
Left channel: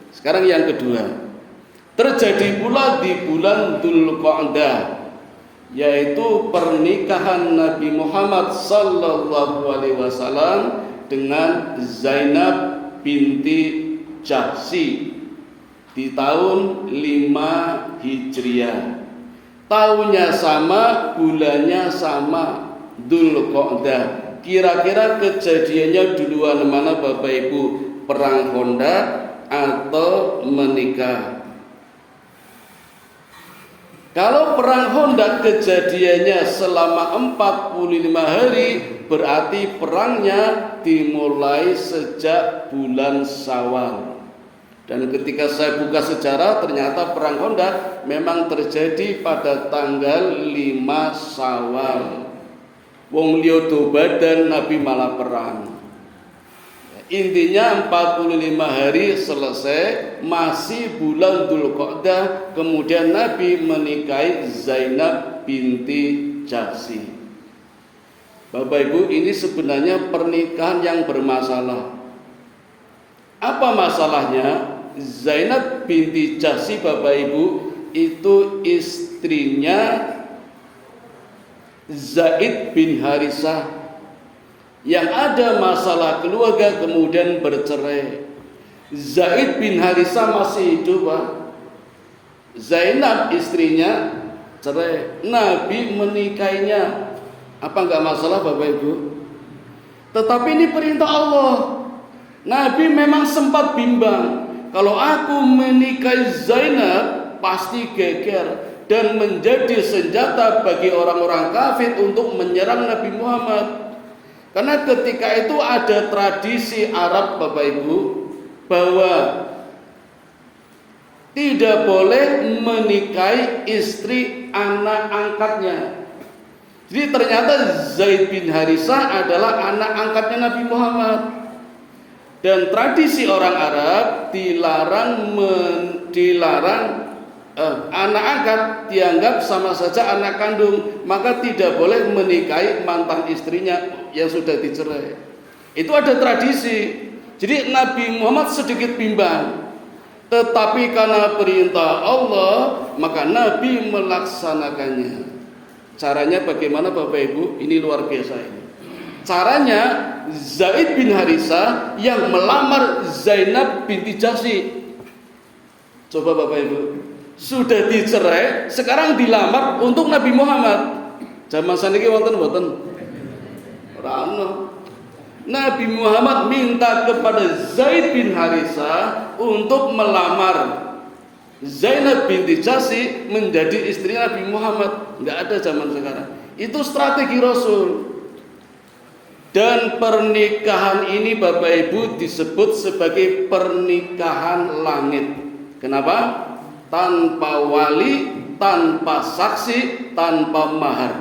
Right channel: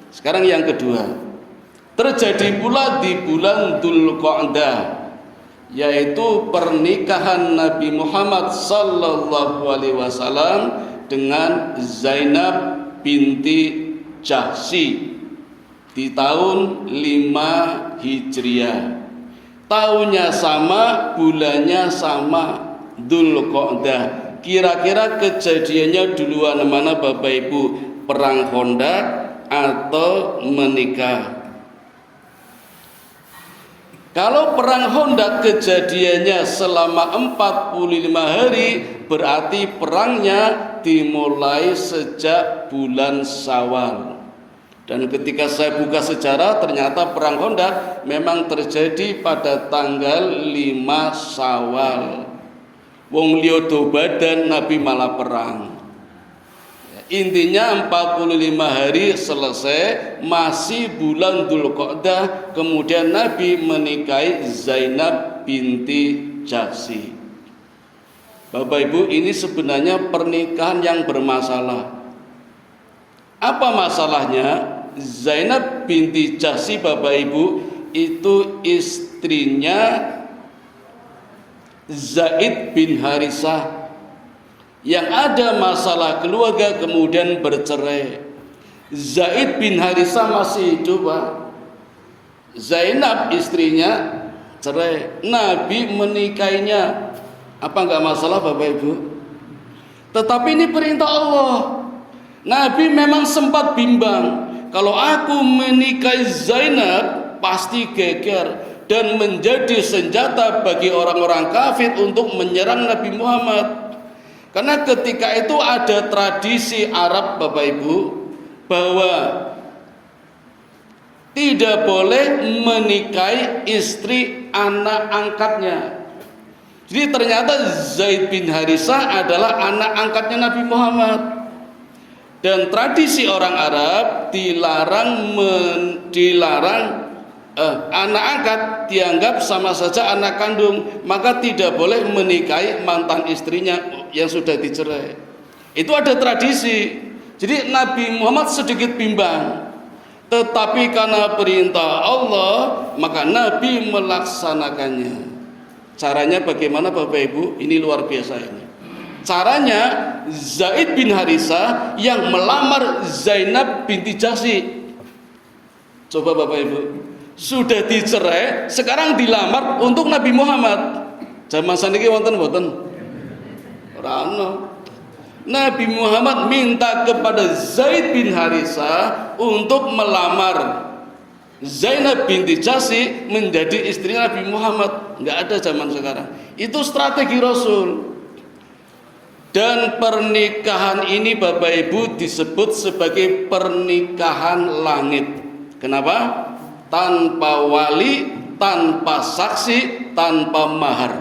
Sekarang yang kedua. Terjadi pula di bulan Dzulqa'dah, yaitu pernikahan Nabi Muhammad sallallahu alaihi wasallam dengan Zainab binti Jahsy di tahun 5 Hijriah. Tahunnya sama, bulannya sama, Dzulqa'dah. Kira-kira kejadiannya duluan mana Bapak Ibu? Perang Khandaq atau menikah? Kalau perang Khandaq kejadiannya selama 45 hari, berarti perangnya dimulai sejak bulan Syawal. Dan ketika saya buka sejarah, ternyata perang Khandaq memang terjadi pada tanggal 5 Syawal. Wong liya do badan, Nabi malah perang. Intinya 45 hari selesai, masih bulan Dzulqa'dah, kemudian Nabi menikahi Zainab binti Jahsy. Bapak Ibu, ini sebenarnya pernikahan yang bermasalah. Apa masalahnya? Zainab binti Jahsy Bapak Ibu itu istrinya Zaid bin Harisah. Yang ada masalah keluarga kemudian bercerai. Zaid bin Harisah masih hidup, Pak. Zainab istrinya cerai. Nabi menikahinya. Apa enggak masalah Bapak Ibu? Tetapi ini perintah Allah. Nabi memang sempat bimbang. Kalau aku menikahi Zainab pasti geger dan menjadi senjata bagi orang-orang kafir untuk menyerang Nabi Muhammad. Karena ketika itu ada tradisi Arab Bapak Ibu bahwa tidak boleh menikahi istri anak angkatnya. Jadi ternyata Zaid bin Harisah adalah anak angkatnya Nabi Muhammad. Dan tradisi orang Arab dilarang anak angkat dianggap sama saja anak kandung, maka tidak boleh menikahi mantan istrinya yang sudah dicerai. Itu ada tradisi. Jadi Nabi Muhammad sedikit bimbang, tetapi karena perintah Allah maka Nabi melaksanakannya. Caranya bagaimana Bapak Ibu? Ini luar biasa ini. Caranya Zaid bin Harisah yang melamar Zainab binti Jahsy. Coba Bapak Ibu, sudah dicerai, sekarang dilamar untuk Nabi Muhammad. Zaman saniki wonten mboten? Rano. Nabi Muhammad minta kepada Zaid bin Harisah untuk melamar Zainab binti Jahsy menjadi istri Nabi Muhammad. Enggak ada zaman sekarang. Itu strategi Rasul. Dan pernikahan ini Bapak Ibu disebut sebagai pernikahan langit. Kenapa? Tanpa wali, tanpa saksi, tanpa mahar.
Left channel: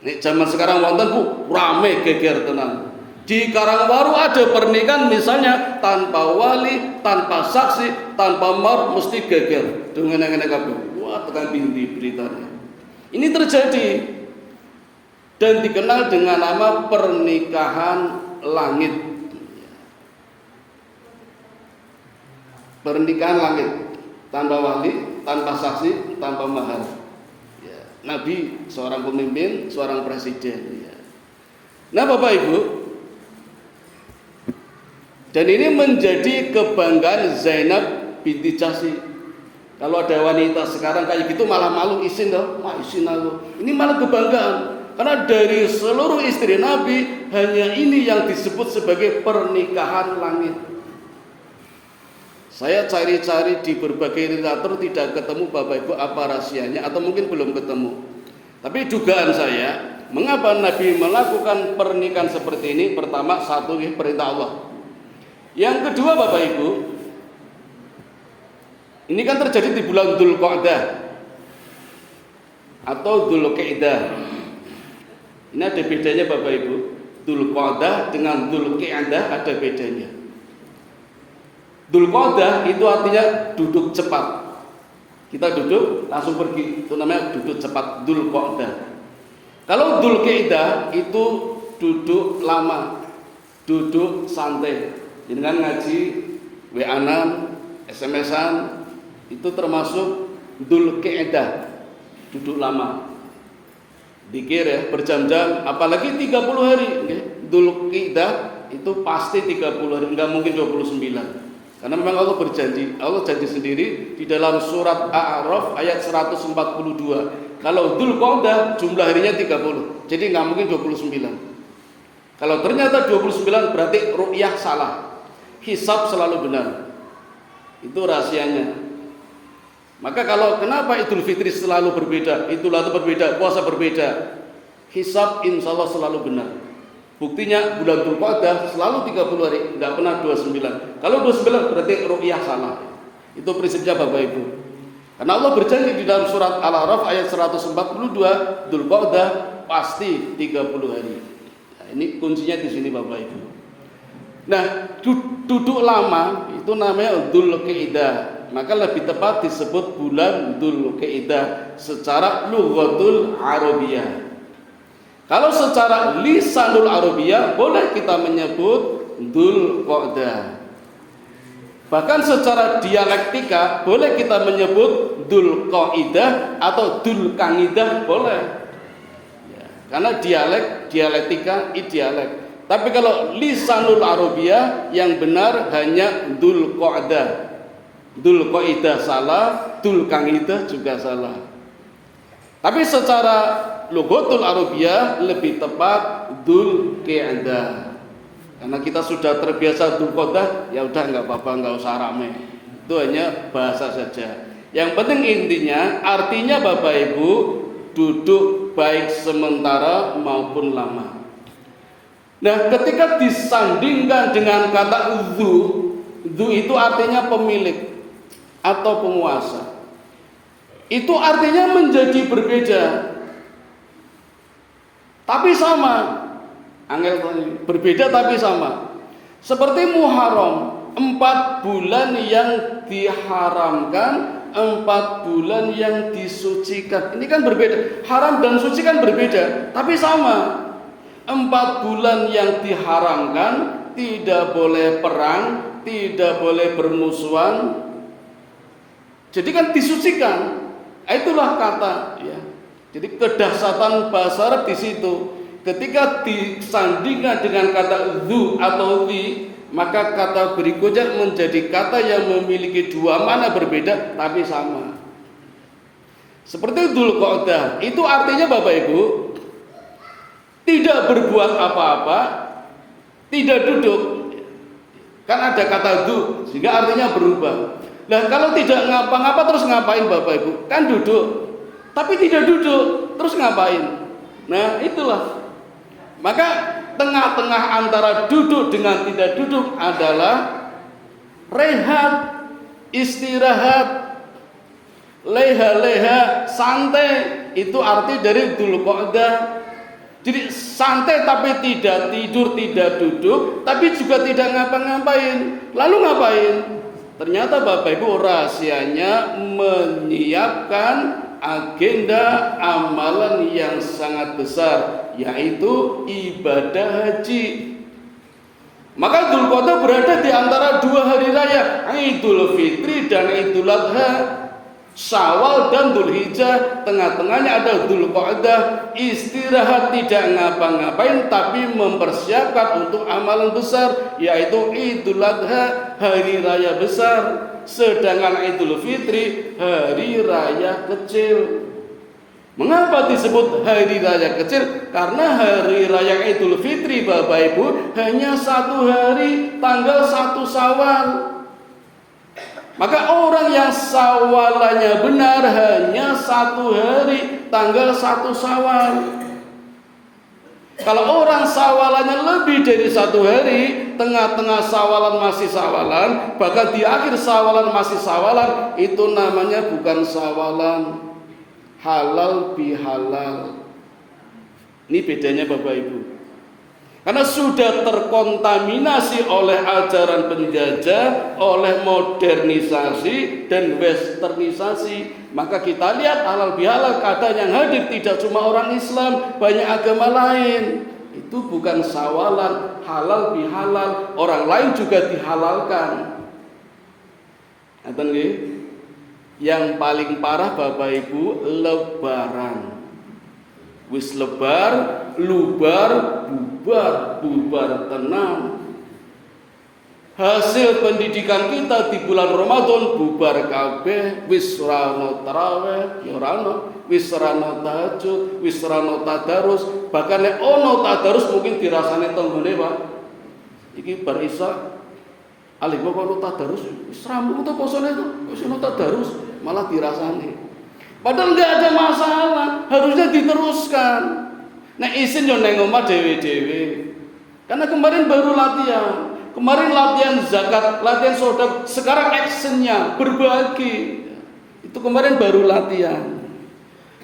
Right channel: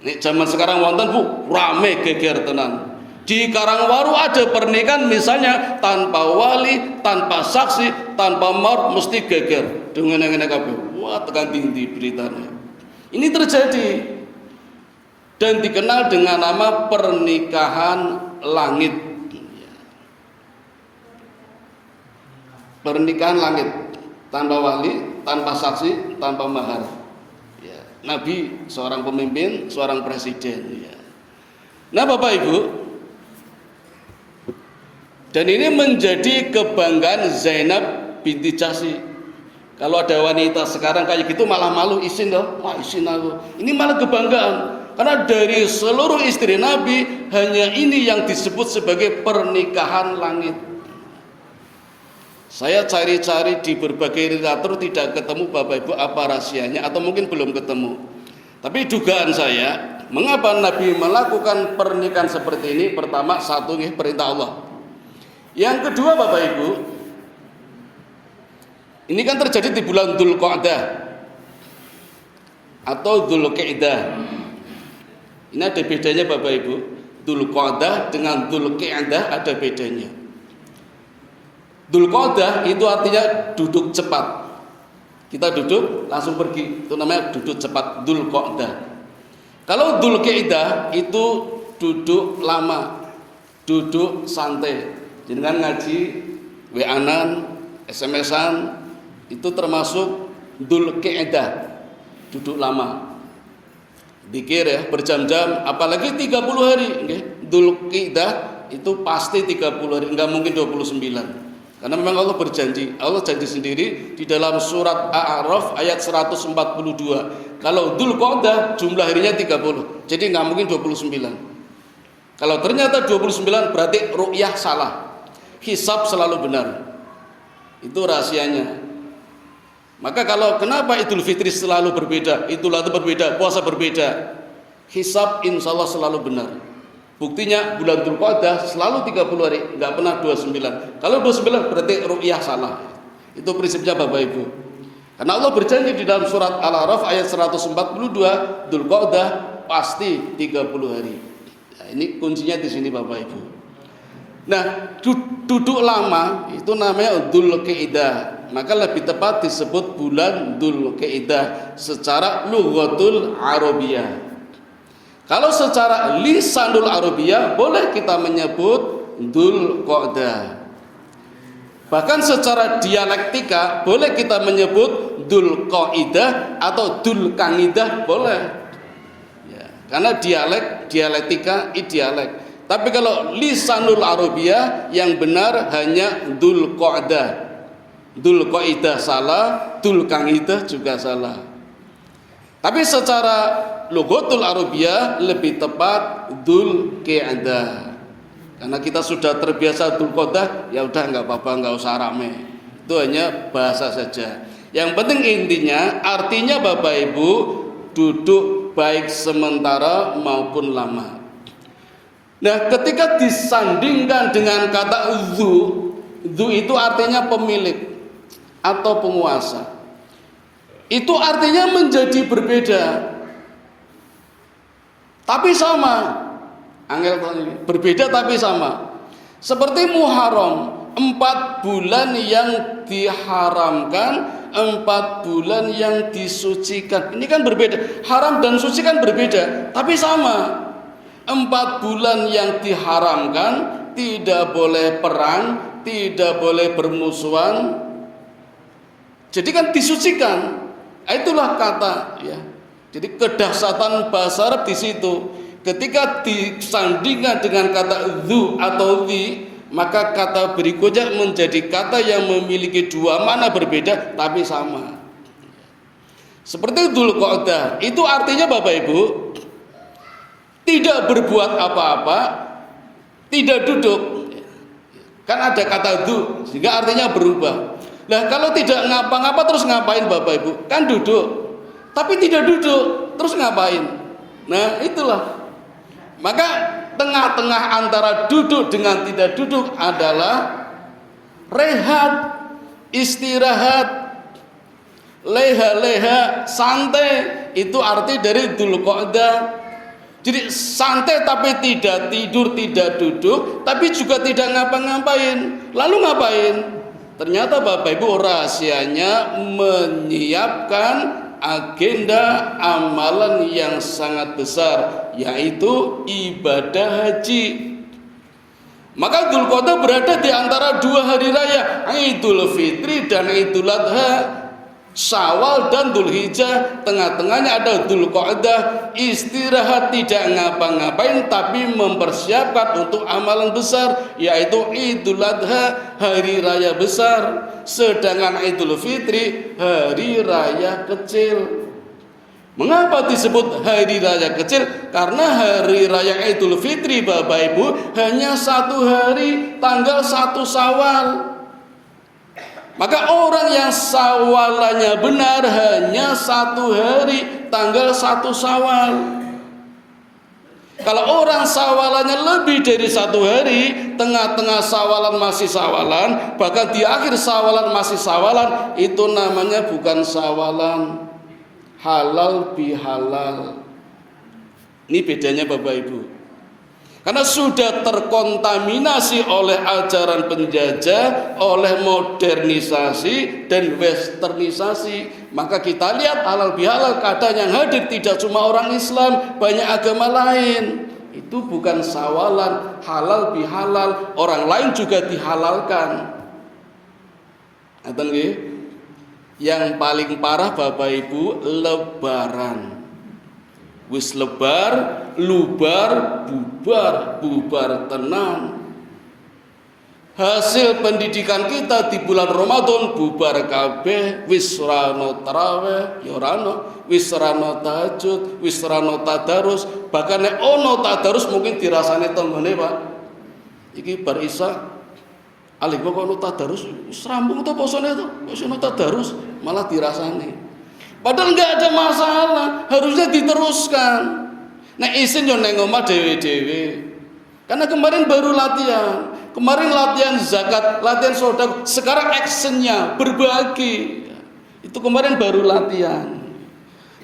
Ini zaman sekarang wonten Bu, rame geger tenan. Di Karangwaru ada pernikahan misalnya tanpa wali, tanpa saksi, tanpa mahar, mesti geger. Dengan ngene kabeh. Wah, tekan tinggi beritanya. Ini terjadi dan dikenal dengan nama pernikahan langit. Pernikahan langit, tanpa wali, tanpa saksi, tanpa mahar. Ya, Nabi seorang pemimpin, seorang presiden. Ya. Nah Bapak Ibu, dan ini menjadi kebanggaan Zainab binti Jahsy. Kalau ada wanita sekarang kayak gitu malah malu, izin dong, wah izin aku. Ini malah kebanggaan. Karena dari seluruh istri Nabi hanya ini yang disebut sebagai pernikahan langit. Saya cari-cari di berbagai literatur tidak ketemu Bapak Ibu apa rahasianya, atau mungkin belum ketemu. Tapi dugaan saya, mengapa Nabi melakukan pernikahan seperti ini? Pertama, satu perintah Allah. Yang kedua Bapak Ibu, ini kan terjadi di bulan Dzulqa'dah atau Dzulqa'dah. Ini ada bedanya Bapak Ibu. Dzulqa'dah dengan Dzulqa'dah ada bedanya. Dzulqa'dah itu artinya duduk cepat. Kita duduk langsung pergi, itu namanya duduk cepat, Dzulqa'dah. Kalau Dzulqa'dah itu duduk lama, duduk santai. Jangan ngaji, WA-an, SMS-an, itu termasuk Dzulqa'dah, duduk lama. Dikir ya, berjam-jam, apalagi 30 hari. Dzulqa'dah itu pasti 30 hari, enggak mungkin 29. Karena memang Allah berjanji, Allah janji sendiri di dalam surat A'raf ayat 142. Kalau Dzulqa'dah jumlah harinya 30, jadi nggak mungkin 29. Kalau ternyata 29 berarti ru'yah salah, hisab selalu benar. Itu rahasianya. Maka kalau kenapa Idul Fitri selalu berbeda, Idul Adha berbeda, puasa berbeda, hisab insya Allah selalu benar. Buktinya bulan Dzulqa'dah selalu 30 hari, nggak pernah 29. Kalau 29 berarti ru'yah salah. Itu prinsipnya Bapak Ibu. Karena Allah berjanji di dalam surat Al-A'raf ayat 142, Dzulqa'dah pasti 30 hari. Nah, ini kuncinya di sini Bapak Ibu. Nah, duduk lama itu namanya Dzulqa'dah. Maka lebih tepat disebut bulan Dzulqa'dah secara lughatul Arabiyah. Kalau secara lisanul Arabiyah boleh kita menyebut Dzulqa'dah. Bahkan secara dialektika boleh kita menyebut Dzulqa'idah atau Dzulqa'idah boleh. Ya, karena dialektika dialek. Tapi kalau lisanul Arabiyah yang benar hanya Dzulqa'dah. Dzulqa'idah salah, Dzulqa'idah juga salah. Tapi secara lughatul Arabiyah lebih tepat Dzulqa'dah. Karena kita sudah terbiasa Dzulqa'dah, ya udah nggak apa-apa, nggak usah rame. Itu hanya bahasa saja. Yang penting intinya artinya Bapak Ibu duduk baik sementara maupun lama. Nah, ketika disandingkan dengan kata dzu itu artinya pemilik atau penguasa. Itu artinya menjadi berbeda, tapi sama. Berbeda tapi sama. Seperti Muharram, 4 bulan yang diharamkan, 4 bulan yang disucikan. Ini kan berbeda. Haram dan suci kan berbeda, tapi sama. 4 bulan yang diharamkan, tidak boleh perang, tidak boleh bermusuhan. Jadi kan disucikan. Itulah kata ya. Jadi kedahsyatan bahasa Arab di situ. Ketika disandingkan dengan kata dzu atau ti, maka kata berikutnya menjadi kata yang memiliki dua makna berbeda tapi sama. Seperti Dzulqa'dah, itu artinya Bapak Ibu tidak berbuat apa-apa, tidak duduk. Kan ada kata dzu, sehingga artinya berubah. Nah, kalau tidak ngapa-ngapa terus ngapain Bapak Ibu? Kan duduk. Tapi tidak duduk, terus ngapain? Nah, itulah. Maka tengah-tengah antara duduk dengan tidak duduk adalah rehat, istirahat, leha-leha, santai. Itu arti dari Dzulqa'dah. Jadi santai tapi tidak tidur, tidak duduk, tapi juga tidak ngapa-ngapain. Lalu ngapain? Ternyata Bapak Ibu rahasianya menyiapkan agenda amalan yang sangat besar, yaitu ibadah haji. Maka Dzulqa'dah berada di antara 2 hari raya, Idul Fitri dan Idul Adha. Syawal dan Dzulhijjah, tengah-tengahnya ada Dzulqa'dah, istirahat tidak ngapa-ngapain tapi mempersiapkan untuk amalan besar, yaitu Idul Adha, hari raya besar. Sedangkan Idul Fitri hari raya kecil. Mengapa disebut hari raya kecil? Karena hari raya Idul Fitri Bapak Ibu hanya 1 hari, tanggal 1 Syawal. Maka orang yang sawalannya benar hanya 1 hari, tanggal 1 Syawal. Kalau orang sawalannya lebih dari 1 hari, tengah-tengah sawalan masih sawalan, bahkan di akhir sawalan masih sawalan, itu namanya bukan sawalan, halal bihalal. Ini bedanya Bapak Ibu. Karena sudah terkontaminasi oleh ajaran penjajah, oleh modernisasi dan westernisasi. Maka kita lihat halal bihalal, kadang yang hadir tidak cuma orang Islam, banyak agama lain. Itu bukan sawalan, halal bihalal, orang lain juga dihalalkan. Yang paling parah Bapak Ibu, lebaran. Wis lebar, lubar, bubar, bubar tenan. hasil pendidikan kita di bulan Ramadan bubar kabeh, wis rano tarawih, ya rano, wis rano tahajud, wis rano tadarus, bahkan nek ono tadarus mungkin dirasane tanggane Pak. Iki bar Isya alih kok ono tadarus, wis rampung to posone to, wis ono tadarus malah dirasane. Padahal enggak ada masalah, harusnya diteruskan. Nek isin yo nang omah dhewe-dhewe. Karena kemarin baru latihan. Kemarin latihan zakat, latihan sedekah, sekarang actionnya berbagi. Itu kemarin baru latihan.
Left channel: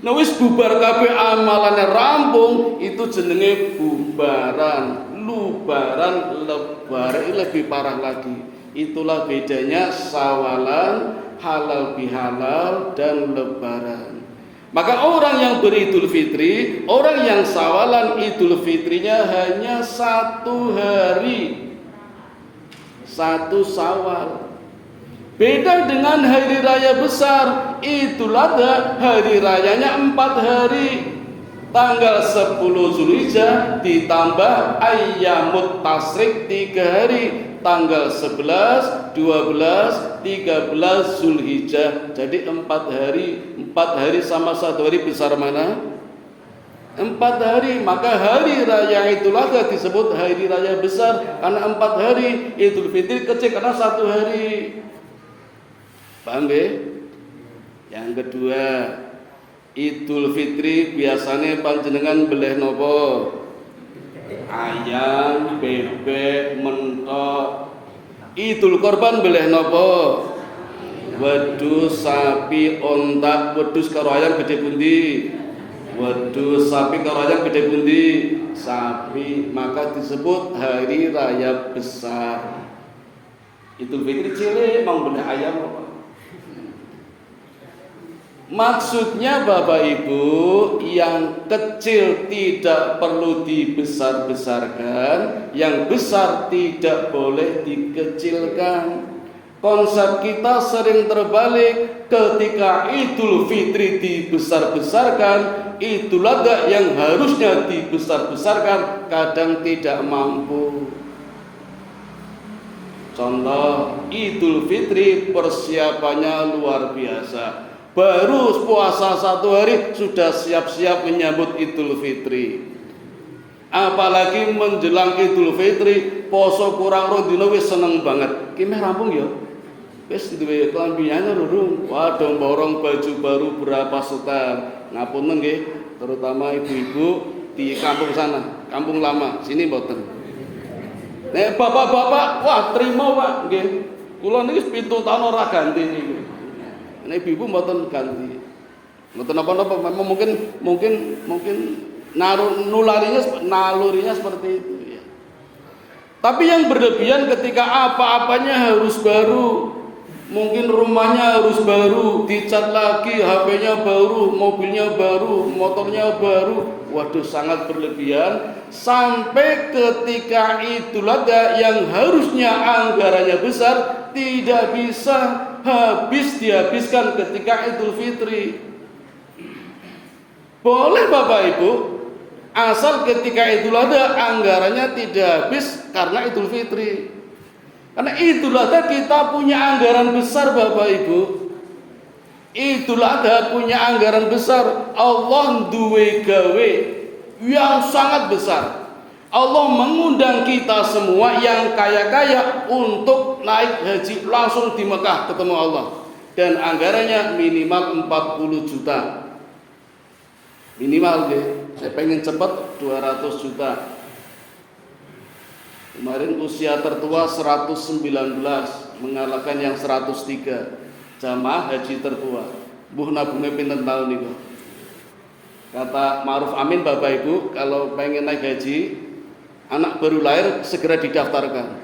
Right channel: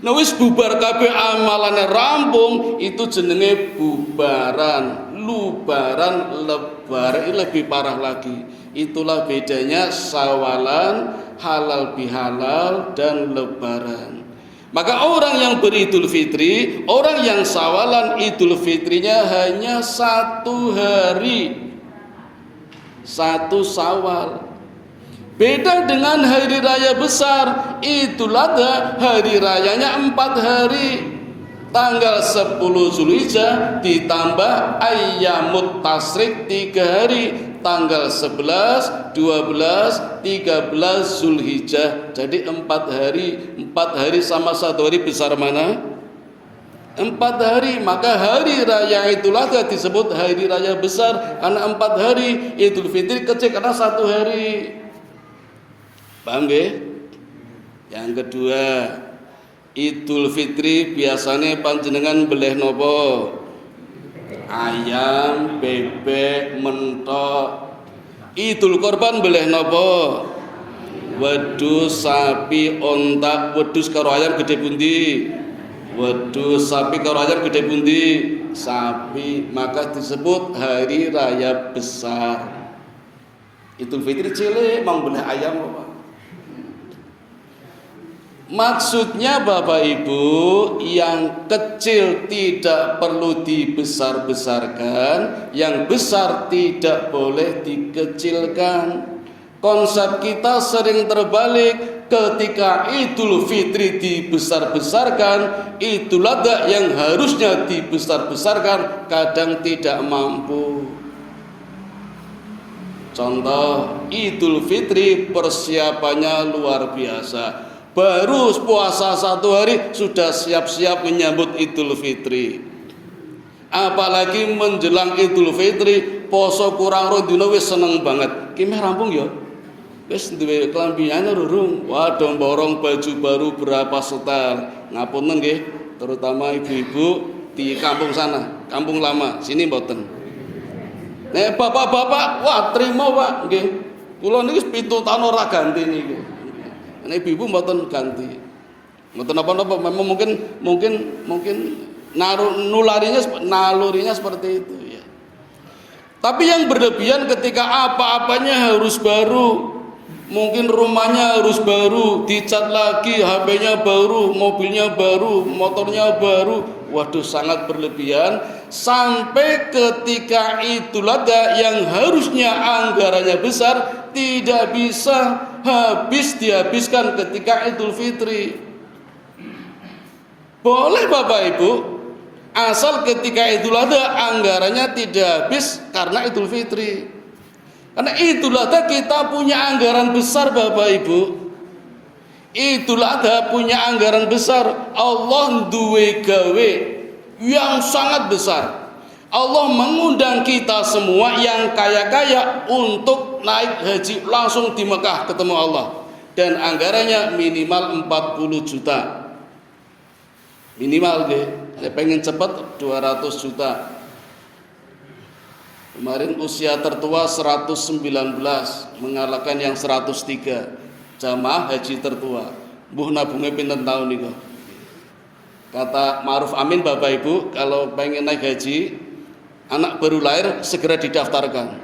Nah wis bubar kabeh amalane rampung, itu jenenge bubaran, lubaran, lebaran lebih parah lagi. Itulah bedanya sawalan, halal bihalal dan lebaran. Maka orang yang beridul fitri, orang yang sawalan idul fitrinya hanya 1 hari. 1 Syawal. Beda dengan hari raya besar, Idul Adha, hari rayanya 4 hari. Tanggal 10 Zulhijjah ditambah ayyamut tasyrik 3 hari. Tanggal 11, 12, 13 Zulhijjah. Jadi 4 hari. 4 hari sama 1 hari besar mana? 4 hari, maka hari raya Idul Adha disebut hari raya besar karena 4 hari, Idul Fitri kecil karena 1 hari. Paham nggih? Yang kedua, Idul Fitri biasanya panjenengan beleh nopo? Ayam, bebek, mentok. Idul Korban beleh nopo? Wedhus, sapi, onta. Wedhus karo ayam gede pundi? Wedhus, sapi karo ayam gede pundi? Sapi. Maka disebut hari raya besar. Idul Fitri cilik mang belah ayam apa? Maksudnya Bapak Ibu, yang kecil tidak perlu dibesar-besarkan, yang besar tidak boleh dikecilkan. Konsep kita sering terbalik, ketika Idul Fitri dibesar-besarkan, Idul Adha yang harusnya dibesar-besarkan kadang tidak mampu. Contoh, Idul Fitri persiapannya luar biasa. Baru puasa 1 hari sudah siap-siap menyambut Idul Fitri. Apalagi menjelang Idul Fitri, poso kurang rong dina wis seneng banget. Ki meh rampung ya. Wis duwe klambine rurung. Waduh borong baju baru berapa setar. Ngapunten nggih, terutama ibu-ibu di kampung sana, kampung lama. Sini mboten. Nek bapak-bapak, wah trimo Pak nggih. Kula niki 7 tahun ora ganti niku. Nek ibu mboten ganti. Mboten apa-apa, memang mungkin nalurinya seperti itu ya. Tapi yang berlebihan ketika apa-apanya harus baru. Mungkin rumahnya harus baru, dicat lagi, HP-nya baru, mobilnya baru, motornya baru. Waduh, sangat berlebihan. Sampai ketika Idul Adha yang harusnya anggarannya besar tidak bisa dihabiskan ketika Idul Fitri. Boleh Bapak Ibu, asal ketika Idul Adha anggarannya tidak habis karena Idul Fitri. Karena Idul Adha kita punya anggaran besar Bapak Ibu. Idul Adha punya anggaran besar. Allah duwe gawe yang sangat besar. Allah mengundang kita semua yang kaya-kaya untuk naik haji langsung di Mekah ketemu Allah. Dan anggarannya minimal 40 juta. Minimal deh. Saya pengen cepat 200 juta. Kemarin usia tertua 119 mengalahkan yang 103 jamaah haji tertua. Mbuh nabunge pinten tahun niku? Kata Ma'ruf Amin Bapak Ibu, kalau pengen naik haji, anak baru lahir segera didaftarkan.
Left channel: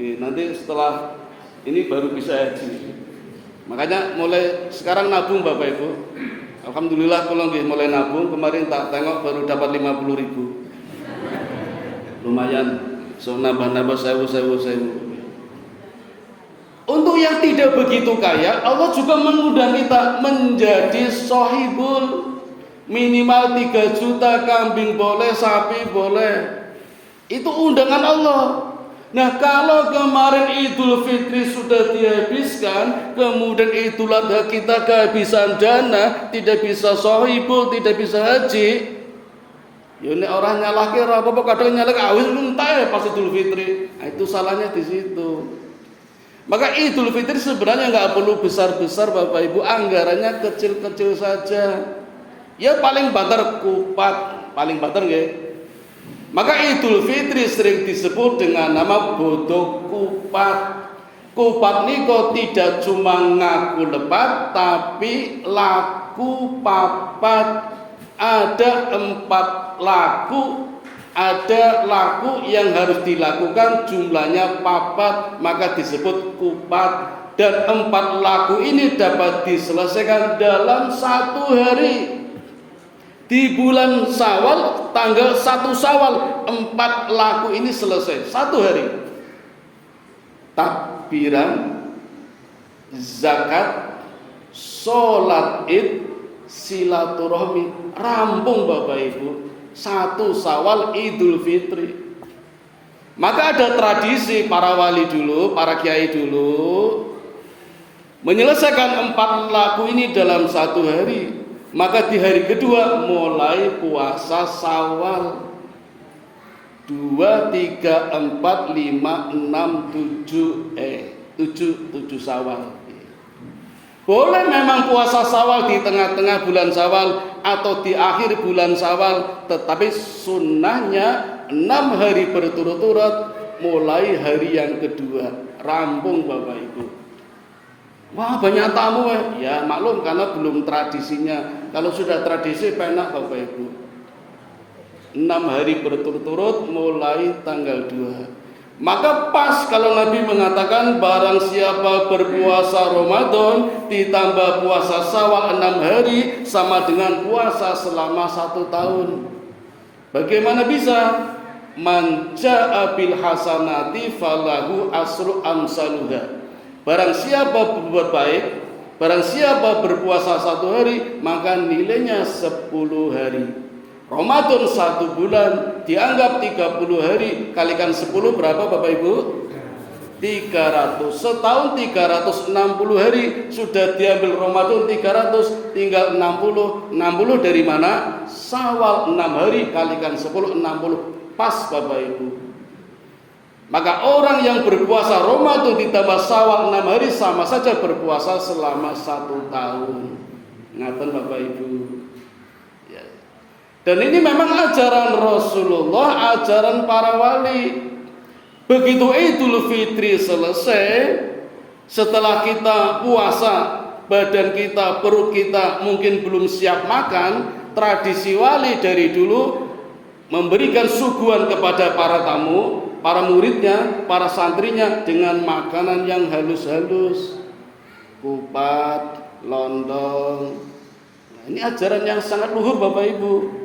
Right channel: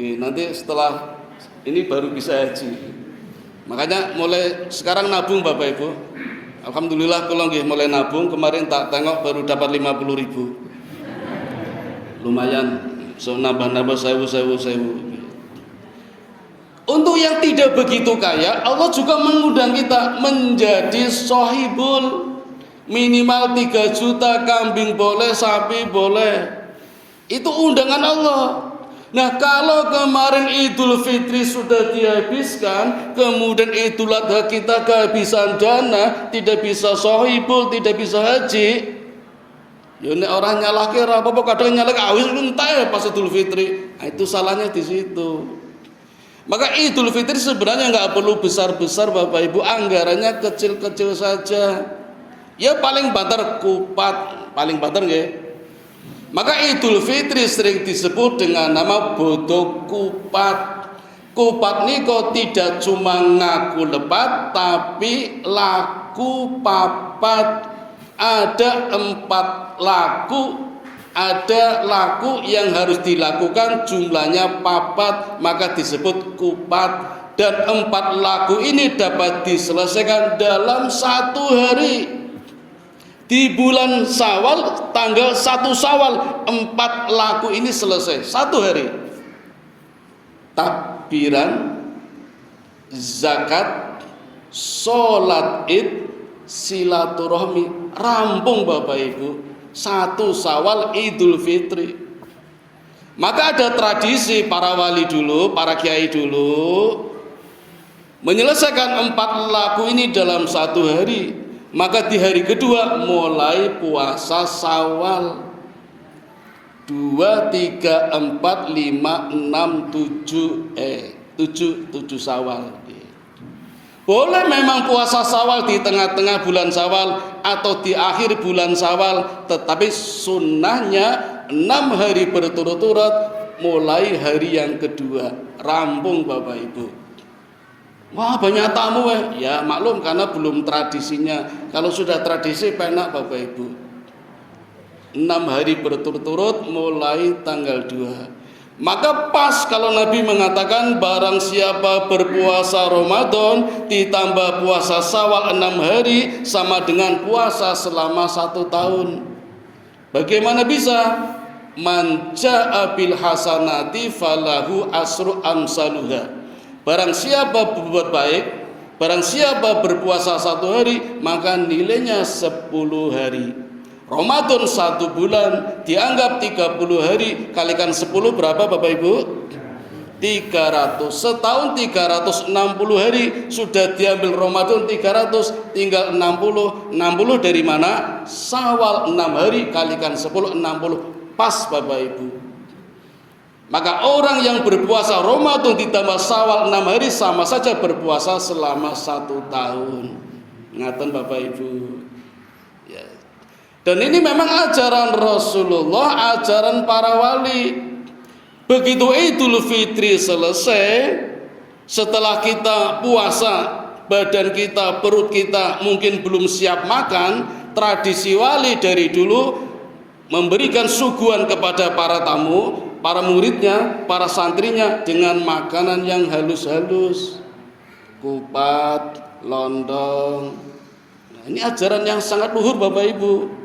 Nanti setelah ini baru bisa haji. Makanya mulai sekarang nabung Bapak Ibu. Alhamdulillah kalau nggih mulai nabung, kemarin tak tengok baru dapat 50.000. Lumayan, so nambah-nambah sewu. Untuk yang tidak begitu kaya, Allah juga mengundang kita menjadi sohibul. Minimal 3 juta, kambing boleh, sapi boleh. Itu undangan Allah. Nah, kalau kemarin Idul Fitri sudah dihabiskan, kemudian Idul Adha kita kehabisan dana, tidak bisa sohibul, tidak bisa haji, ya ini orang nyalake ora apa-apa, kadang nyalake awis entek pas Idul Fitri. Nah, itu salahnya di situ. Maka Idul Fitri sebenarnya nggak perlu besar-besar Bapak Ibu, anggarannya kecil-kecil saja. Ya paling banter kupat, paling banter nggih. Maka Idul Fitri sering disebut dengan nama bodo kupat. Kupat niko tidak cuma ngaku lepat, tapi laku papat. Ada 4 laku, ada laku yang harus dilakukan jumlahnya papat, maka disebut kupat. Dan 4 laku ini dapat diselesaikan dalam 1 hari. Di bulan Syawal, tanggal 1 Syawal, 4 laku ini selesai 1 hari. Takbiran, zakat, sholat id, silaturahmi, rampung Bapak Ibu. 1 Syawal Idul Fitri. Maka ada tradisi para wali dulu, para kiai dulu menyelesaikan 4 laku ini dalam 1 hari. Maka di hari kedua mulai puasa Syawal 2, 3, 4, 5, 6, 7 Syawal. Boleh memang puasa Syawal di tengah-tengah bulan Syawal atau di akhir bulan Syawal, tetapi sunnahnya 6 hari berturut-turut mulai hari yang kedua. Rampung Bapak Ibu. Wah banyak tamu ya maklum karena belum tradisinya. Kalau sudah tradisi enak Bapak Ibu. 6 hari berturut-turut mulai tanggal 2. Maka pas kalau Nabi mengatakan barang siapa berpuasa Ramadan ditambah puasa Syawal 6 hari sama dengan puasa selama 1 tahun. Bagaimana bisa? Man jaa bil hasanati falahu asru amsaluha. Barang siapa berbuat baik, barang siapa berpuasa 1 hari, maka nilainya 10 hari. Ramadan 1 bulan dianggap 30 hari, kalikan 10 berapa Bapak Ibu? 300. Setahun 360 hari, sudah diambil Ramadan 300, tinggal 60. 60 dari mana? Syawal 6 hari kalikan 10, 60. Pas Bapak Ibu. Maka orang yang berpuasa Ramadan ditambah Syawal 6 hari sama saja berpuasa selama 1 tahun. Ngaten Bapak Ibu. Ya. Dan ini memang ajaran Rasulullah, ajaran para wali. Begitu Idul Fitri selesai, setelah kita puasa, badan kita, perut kita mungkin belum siap makan, tradisi wali dari dulu memberikan suguhan kepada para tamu, para muridnya, para santrinya dengan makanan yang halus-halus, kupat, lontong. Nah, ini ajaran yang sangat luhur Bapak Ibu.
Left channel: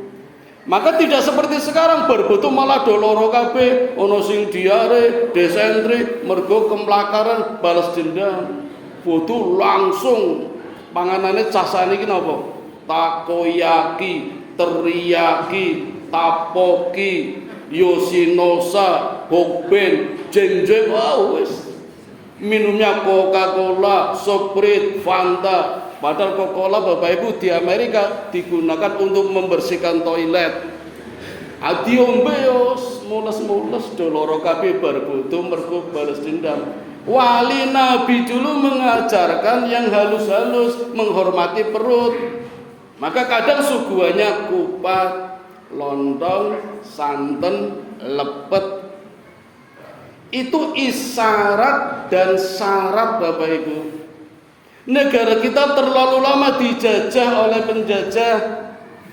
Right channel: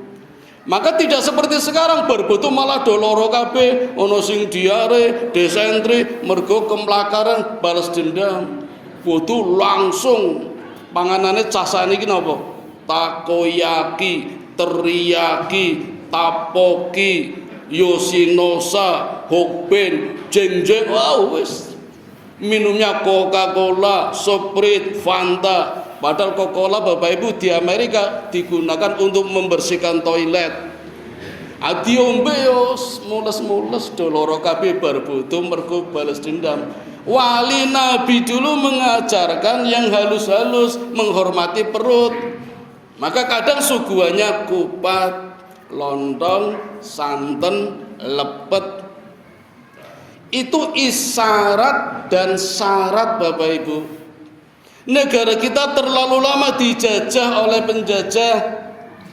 Maka tidak seperti sekarang berbetul malah doloro kabeh, ono sing diare, desentri, mergo kemlakaran, balas dendam. Butuh langsung panganane casane iki napa? Takoyaki, teriyaki, tapoki, Yoshinosa, Hokben, jeng-jeng, wis. Minumnya Coca-Cola, Sprite, Fanta. Padahal Coca-Cola Bapak Ibu di Amerika digunakan untuk membersihkan toilet. Diombe yo mules-mules doloro kabeh bar bodho mergo balas dendam. Wali Nabi dulu mengajarkan yang halus-halus, menghormati perut. Maka kadang suguhannya kupat, lontong, santen, lepet. Itu isyarat dan syarat Bapak Ibu. Negara kita terlalu lama dijajah oleh penjajah.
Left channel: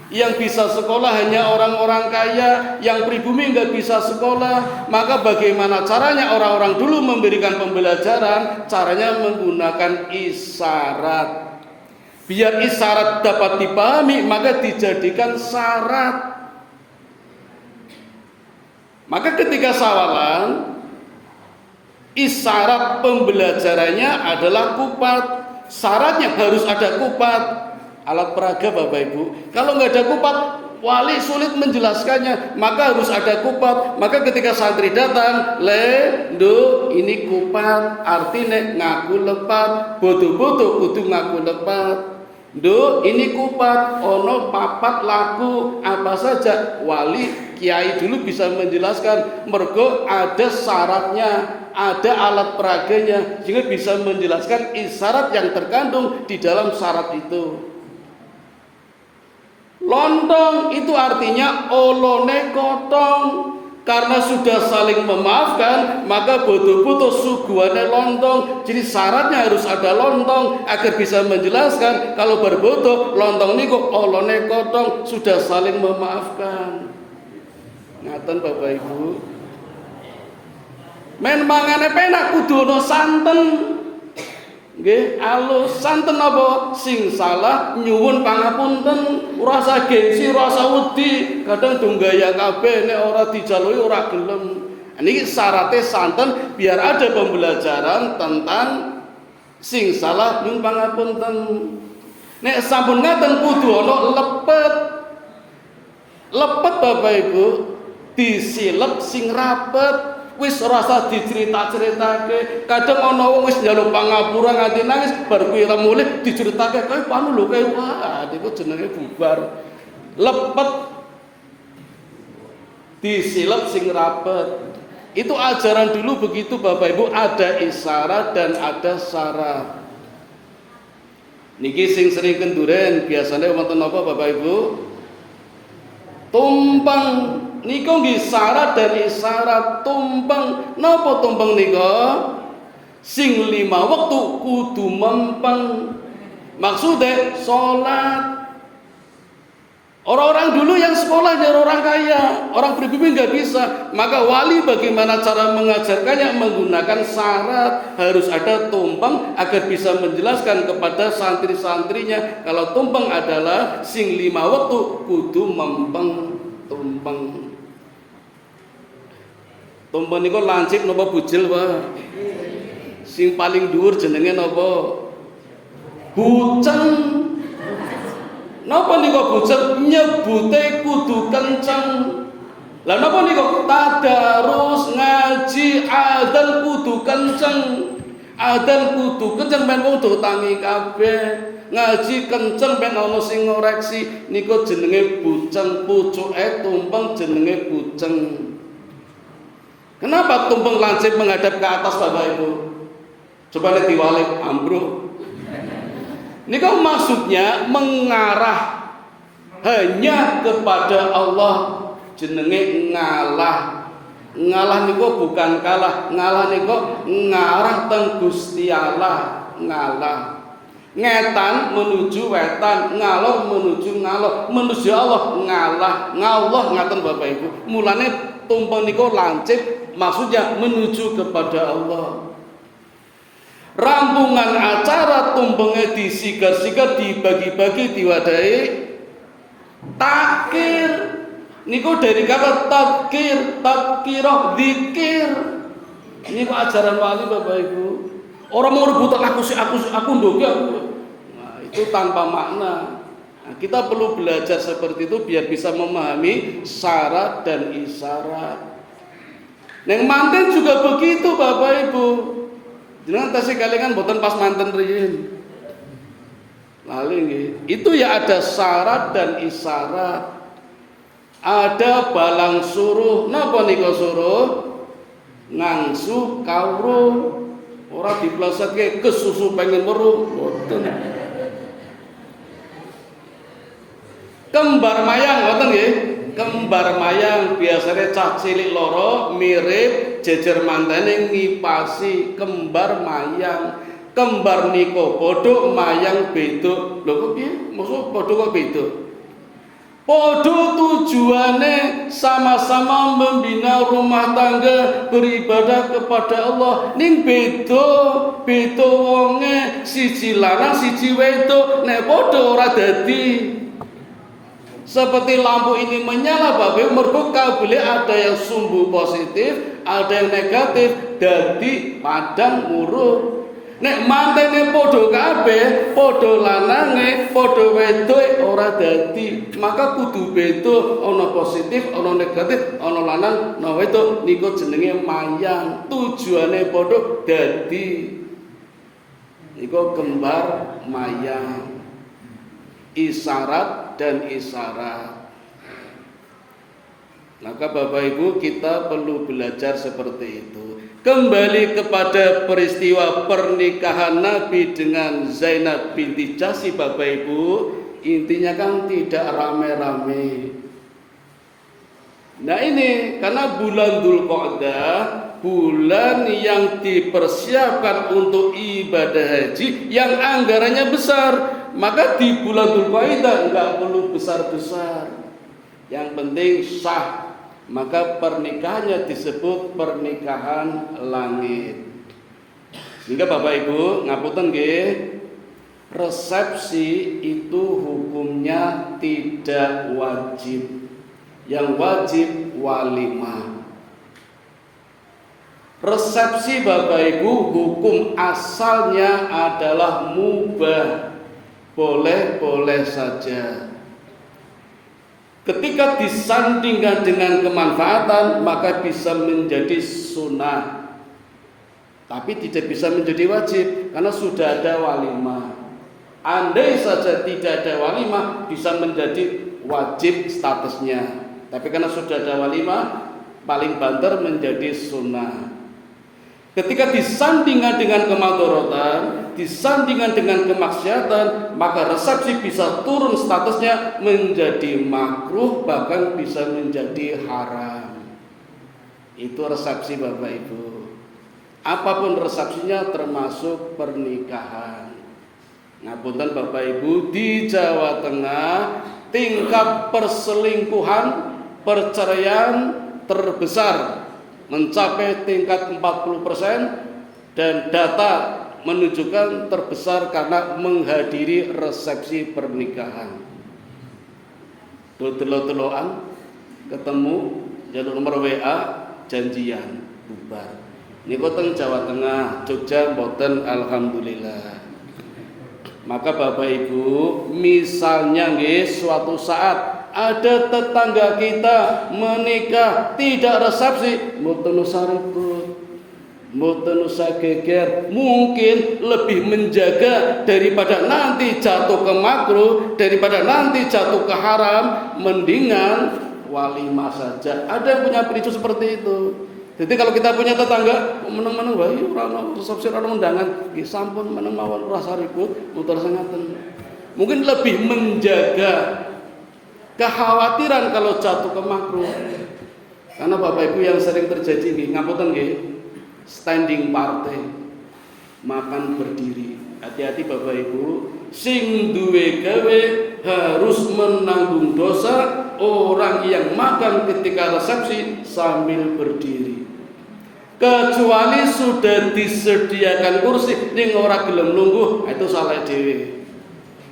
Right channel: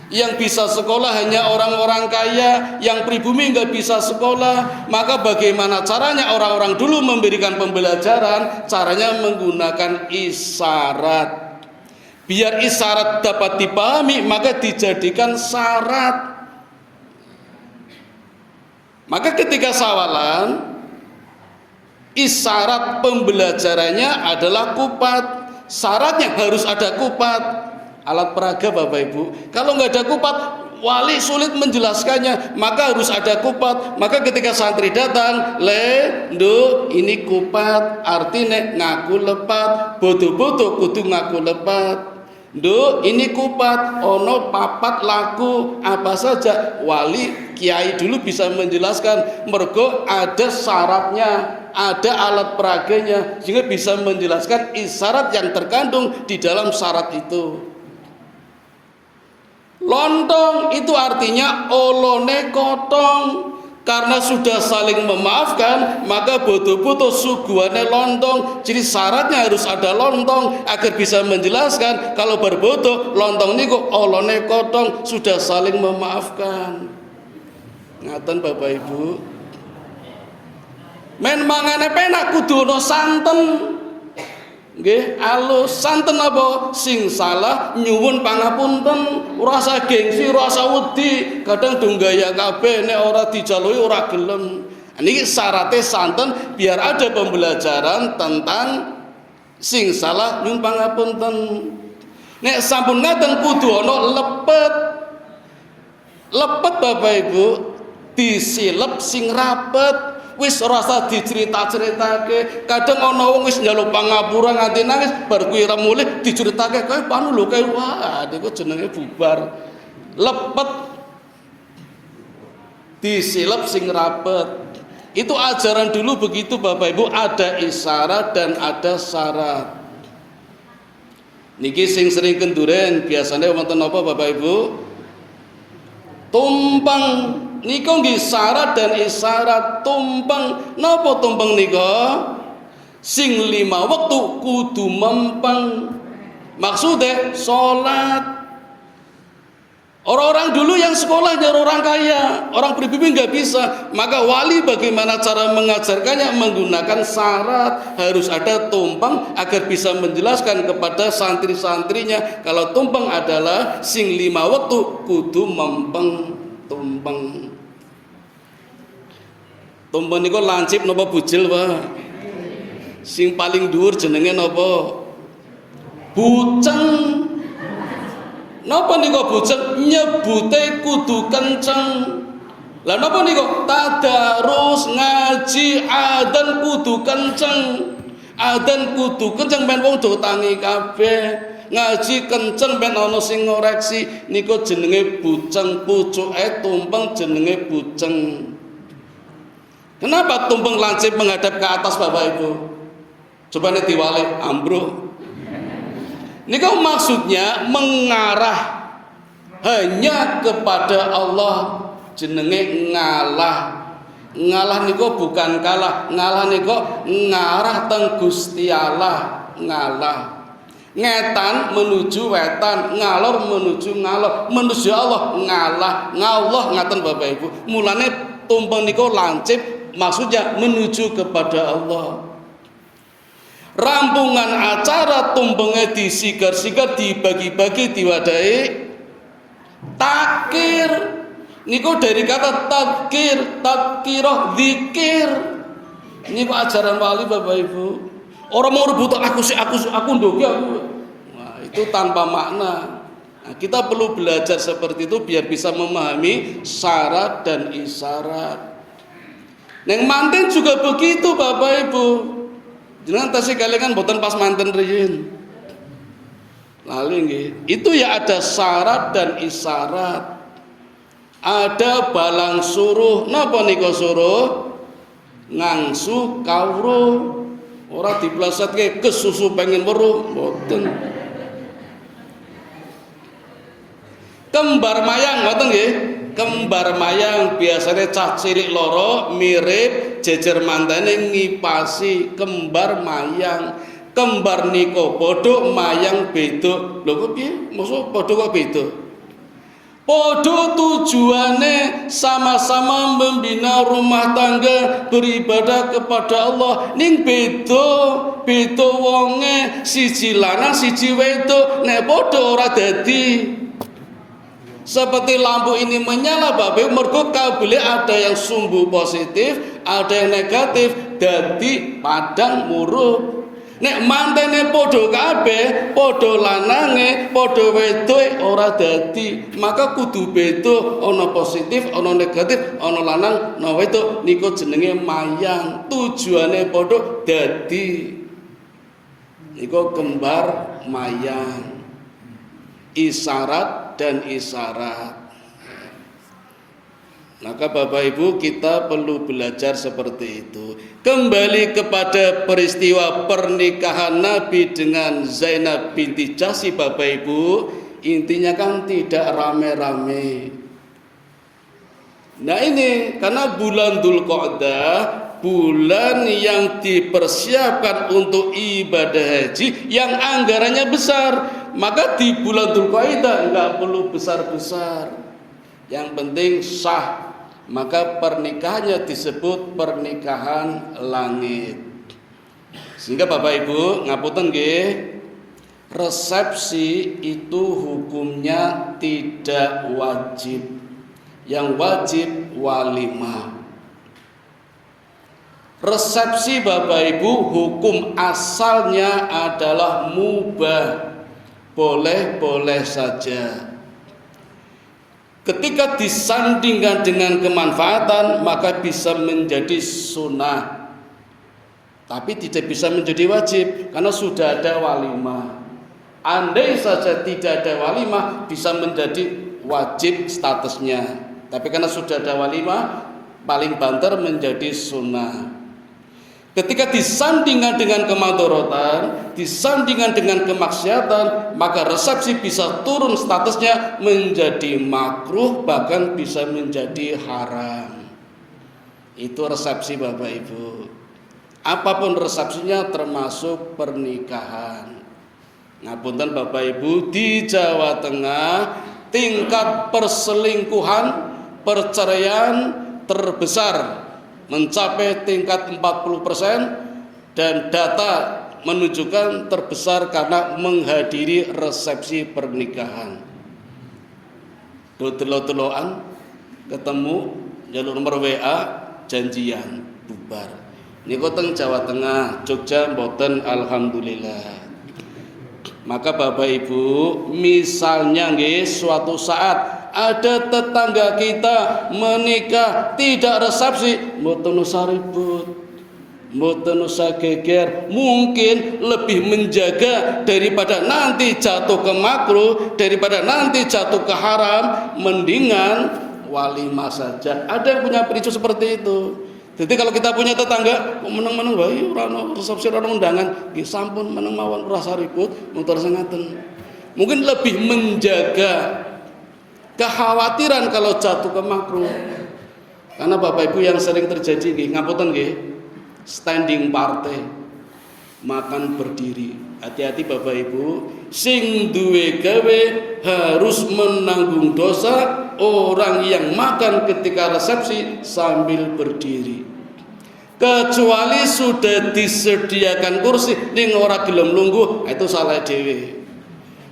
Yang bisa sekolah hanya orang-orang kaya, yang pribumi nggak bisa sekolah. Maka bagaimana caranya orang-orang dulu memberikan pembelajaran? Caranya menggunakan isyarat. Biar isyarat dapat dipahami, maka dijadikan syarat. Maka ketika Syawalan, isyarat pembelajarannya adalah kupat. Syaratnya harus ada kupat, alat peraga Bapak Ibu. Kalau nggak ada kupat, wali sulit menjelaskannya, maka harus ada kupat. Maka ketika santri datang, ini kupat, artinya ngaku lepat, bodo-bodo kudu ngaku lepat. Ini kupat, ono papat laku apa saja. Wali kiai dulu bisa menjelaskan, mergo ada syaratnya, ada alat peraganya, sehingga bisa menjelaskan isyarat yang terkandung di dalam syarat itu. Lontong itu artinya olone kotong. Karena sudah saling memaafkan, maka bodo-bodo suguhane lontong. Jadi syaratnya harus ada lontong agar bisa menjelaskan kalau berbodo lontong niku olone kotong, sudah saling memaafkan. Ngaten Bapak Ibu. Men mangane penak kudu ono santen. Nggih, alus santen apa sing salah nyuwun pangapunten, ora usah gengsi, ora usah wedi, kadang dunggaya kabeh nek ora dijalui ora gelem. Niki syaratnya santen biar ada pembelajaran tentang sing salah nyuwun pangapunten. Nek sampun ngaten kudu ana lepet. Lepet Bapak Ibu disilep sing rapet. Wis ora usah dicerita-ceritake. Kadang ana wong wis njaluk pangapura nganti nangis bar kuwi ra mulih diceritake kowe panu lho kowe wah niku jenenge bubar. Lepet disilep sing rapet. Itu ajaran dulu begitu Bapak Ibu, ada isyarat dan ada syarat. Niki sing sering kenduren biasanya wonten apa Bapak Ibu? Tumpeng. Niku nggih syarat dan isyarat. Tumpeng. Napa tumpeng nika? Sing 5 waktu kudu mempeng. Maksudnya salat. Orang-orang dulu yang sekolahnya orang kaya, orang pribumi nggak bisa. Maka wali bagaimana cara mengajarkannya? Menggunakan syarat. Harus ada tumpeng agar bisa menjelaskan kepada santri-santrinya kalau tumpeng adalah sing 5 waktu kudu mempeng. Tumpeng. Tumpeng niku lancip napa bujil Pak? Sing paling dhuwur jenenge napa? Buceng. Napa niku buceng? Nyebute kudu kenceng. Lah napa niku? Tadarus ngaji adzan kudu kenceng. Adzan kudu kenceng ben wong do tangi kabeh. Ngaji kenceng ben ana sing ngoreksi. Niku jenenge buceng, pucuke tumpeng jenenge buceng. Kenapa tumpeng lancip menghadap ke atas Bapak Ibu? Coba nih diwalik ambruk. Ini kan maksudnya mengarah hanya kepada Allah, jenenge ngalah. Ngalah niku bukan kalah, ngalah niku ngarah teng Gusti Allah, ngalah. Ngetan menuju wetan, ngalor menuju ngalor, menuju Allah, ngalah, ngallah ngaten Bapak Ibu. Mulane tumpeng niku lancip maksudnya menuju kepada Allah. Rampungan acara tumpengnya disigar-sigar, dibagi-bagi, diwadahi takir. Niku dari kata takir, takirah, zikir. Ini ajaran wali Bapak Ibu. Orang mau rebutan aku ndoki aku. Nah, itu tanpa makna. Nah, kita perlu belajar seperti itu biar bisa memahami syarat dan isyarat. Yang manten juga begitu Bapak Ibu. Jangan tasih kalian boten pas manten riyin. Lalu nggih, itu ya ada syarat dan isyarat. Ada balang suruh. Napa nika suruh? Ngangsu kawruh. Ora diplesetke kesusu pengen weruh, boten. Kembar mayang ngoten nggih. Kembar mayang biasanya cah cilik loro mirip jejer mantene ngipasi kembar mayang. Kembar niko bodoh mayang beda. Lho kok piye? Maksud bodoh kok beda? Podo tujuannya sama-sama membina rumah tangga, beribadah kepada Allah. Ning beda wonge siji lanang siji wedok, nek podo ora dadi. Seperti lampu ini menyala Bapak, mergo kabele ada yang sumbu positif, ada yang negatif, dadi padang murup. Nek mantene padha kabeh, padha lanange, padha wedoke ora dadi. Maka kudu beda, ana positif, ana negatif, ana lanang, ana wedok. Niku jenenge mayang. Tujuane padha dadi. Niku kembar mayang. Isyarat dan isyarat. Maka Bapak Ibu kita perlu belajar seperti itu. Kembali kepada peristiwa pernikahan Nabi dengan Zainab binti Jahsy Bapak Ibu, intinya kan tidak rame-rame. Nah ini karena bulan Dzulqa'dah, bulan yang dipersiapkan untuk ibadah haji yang anggarannya besar, maka di bulan Dzulqa'dah enggak perlu besar-besar. Yang penting sah. Maka pernikahannya disebut pernikahan langit. Sehingga Bapak Ibu ngapunten nggih, resepsi itu hukumnya tidak wajib. Yang wajib walimah. Resepsi Bapak Ibu hukum asalnya adalah mubah. Boleh-boleh saja. Ketika disandingkan dengan kemanfaatan, maka bisa menjadi sunnah, tapi tidak bisa menjadi wajib karena sudah ada walimah. Andai saja tidak ada walimah, bisa menjadi wajib statusnya, tapi karena sudah ada walimah, paling banter menjadi sunnah. Ketika disandingkan dengan kemadharatan, disandingkan dengan kemaksiatan, maka resepsi bisa turun statusnya menjadi makruh, bahkan bisa menjadi haram. Itu resepsi Bapak Ibu. Apapun resepsinya termasuk pernikahan. Ngapunten Bapak Ibu, di Jawa Tengah tingkat perselingkuhan, perceraian terbesar mencapai tingkat 40% dan data menunjukkan terbesar karena menghadiri resepsi pernikahan. Telo-teloan ketemu jalur nomor WA janjian bubar. Niku teng Jawa Tengah, Jogja mboten alhamdulillah. Maka Bapak Ibu, misalnya nggih suatu saat ada tetangga kita menikah tidak resepsi, mboten usah ribut, mboten usah geger, mungkin lebih menjaga daripada nanti jatuh ke makruh, daripada nanti jatuh ke haram, mendingan walimah saja. Ada yang punya prinsip seperti itu. Jadi kalau kita punya tetangga meneng-meneng wae ora resepsi ora undangan, nggih sampun meneng mawon rasa ribut, muter sengeten. Mungkin lebih menjaga kekhawatiran kalau jatuh ke makruh. Karena Bapak Ibu yang sering terjadi nggih, ngapunten nggih, standing party, makan berdiri. Hati-hati Bapak Ibu, sing duwe gawe harus menanggung dosa orang yang makan ketika resepsi sambil berdiri. Kecuali sudah disediakan kursi ning ora gelem lungguh, itu salah dhewe.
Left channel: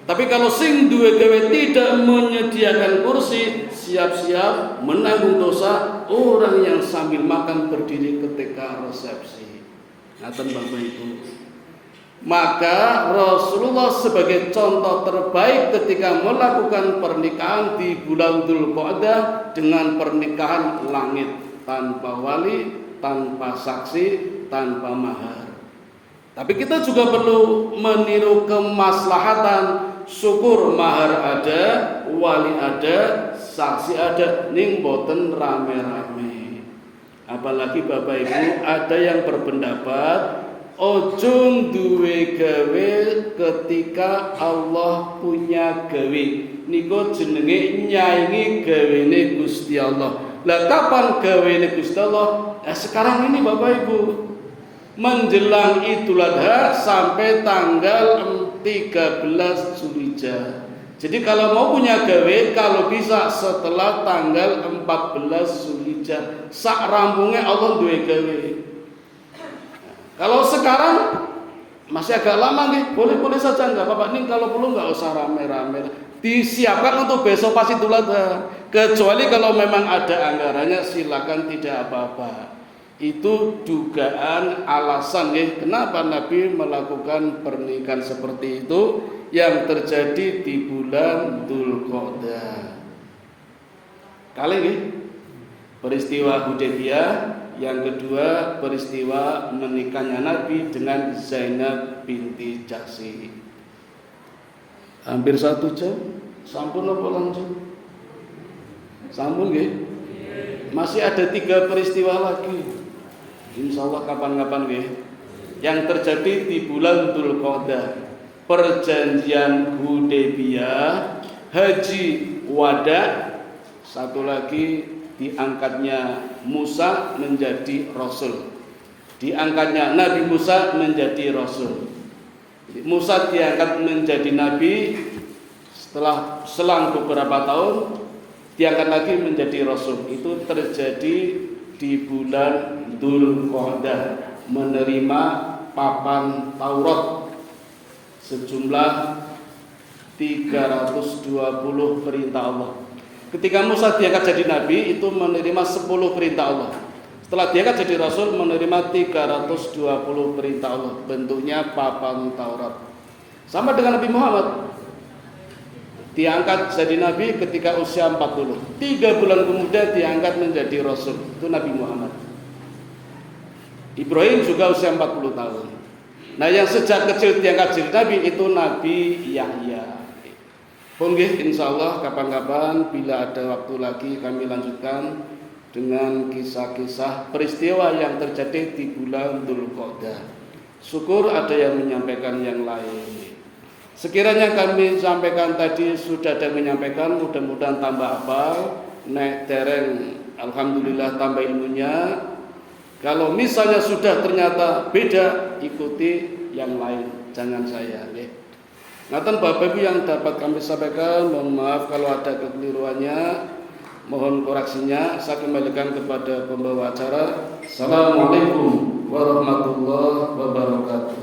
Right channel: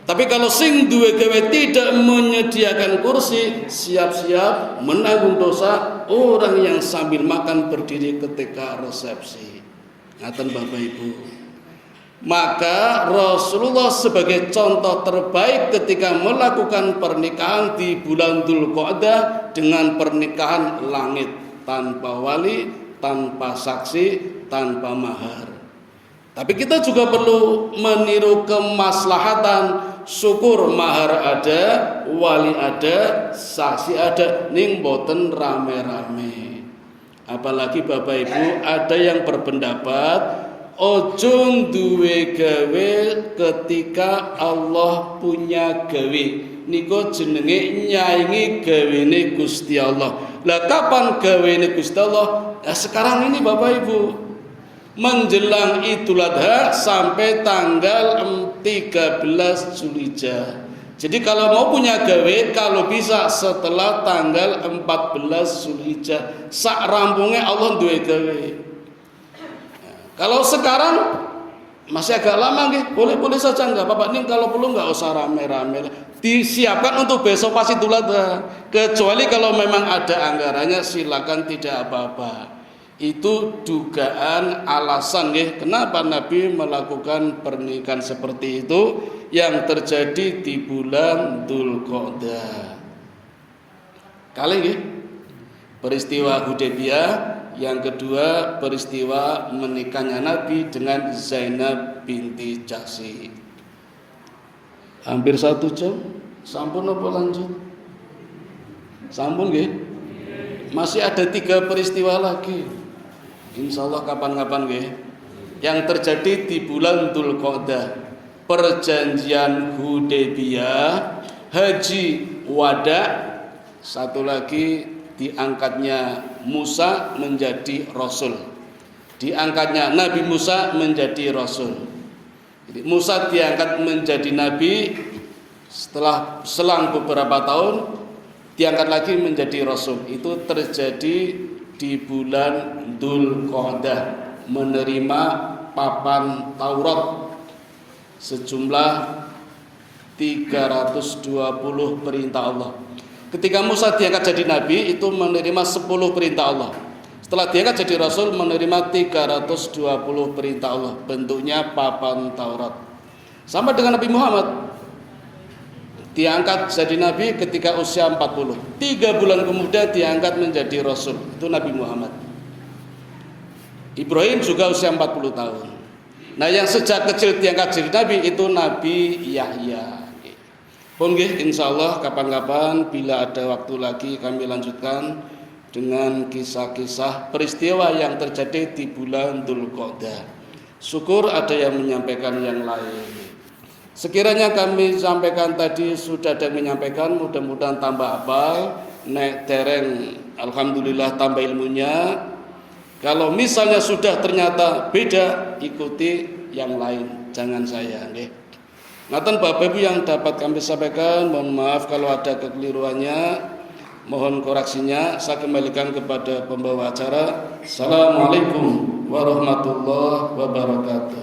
Tapi kalau sing duwe gawe tidak menyediakan kursi, siap-siap menanggung dosa orang yang sambil makan berdiri ketika resepsi. Ngaten Bapak Ibu. Maka Rasulullah sebagai contoh terbaik ketika melakukan pernikahan di bulan Dzulqa'dah dengan pernikahan langit, tanpa wali, tanpa saksi, tanpa mahar. Tapi kita juga perlu meniru kemaslahatan. Syukur mahar ada, wali ada, saksi ada, ning boten rame-rame. Apalagi Bapak Ibu ada yang berpendapat ojo duwe gawe ketika Allah punya gawe. Niku jenenge nyaingi gawene Gusti Allah. Lah kapan gawene Gusti Allah? Ya sekarang ini Bapak Ibu. Menjelang Idul Adha sampai tanggal 13 Zulhijjah. Jadi kalau mau punya gawe, kalau bisa setelah tanggal 14 Zulhijjah, sak rampungnya Allah duwe gawe. Kalau sekarang masih agak lama nih, boleh-boleh saja enggak apa-apa nih, kalau perlu enggak usah rame-rame. Disiapkan untuk besok pas Idul Adha. Kecuali kalau memang ada anggarannya silakan, tidak apa-apa. Itu dugaan alasan ya, kenapa Nabi melakukan pernikahan seperti itu yang terjadi di bulan Dzulqa'dah. Kali ya, peristiwa Hudaybiyah, yang kedua peristiwa menikahnya Nabi dengan Zainab binti Jahsy. Hampir 1 jam, sampun apa lanjut? Sampun nggih? Masih ada 3 peristiwa lagi. Insya Allah kapan-kapan nggih. Yang terjadi di bulan Dzulqa'dah, perjanjian Hudaybiyah, haji wada, satu lagi diangkatnya Musa menjadi rasul. Diangkatnya Nabi Musa menjadi rasul. Jadi Musa diangkat menjadi nabi, setelah selang beberapa tahun diangkat lagi menjadi rasul. Itu terjadi di bulan Dzulqa'dah, menerima papan Taurat sejumlah 320 perintah Allah. Ketika Musa diangkat jadi nabi, itu menerima 10 perintah Allah. Setelah diangkat jadi rasul, menerima 320 perintah Allah, bentuknya papan Taurat. Sama dengan Nabi Muhammad, diangkat jadi nabi ketika usia 40. 3 bulan kemudian diangkat menjadi rasul, itu Nabi Muhammad. Ibrahim juga usia 40 tahun. Nah, yang sejak kecil diangkat jadi nabi itu Nabi Yahya. Pun insyaallah kapan-kapan bila ada waktu lagi kami lanjutkan dengan kisah-kisah peristiwa yang terjadi di bulan Dzulqa'dah. Syukur ada yang menyampaikan yang lain. Sekiranya kami sampaikan tadi sudah ada yang menyampaikan, mudah-mudahan tambah apa, nek dereng alhamdulillah tambah ilmunya. Kalau misalnya sudah ternyata beda, ikuti yang lain, jangan saya nggih. Ngaten Bapak Ibu yang dapat kami sampaikan, mohon maaf kalau ada kekeliruannya, mohon koreksinya. Saya kembalikan kepada pembawa acara. Assalamualaikum warahmatullahi wabarakatuh.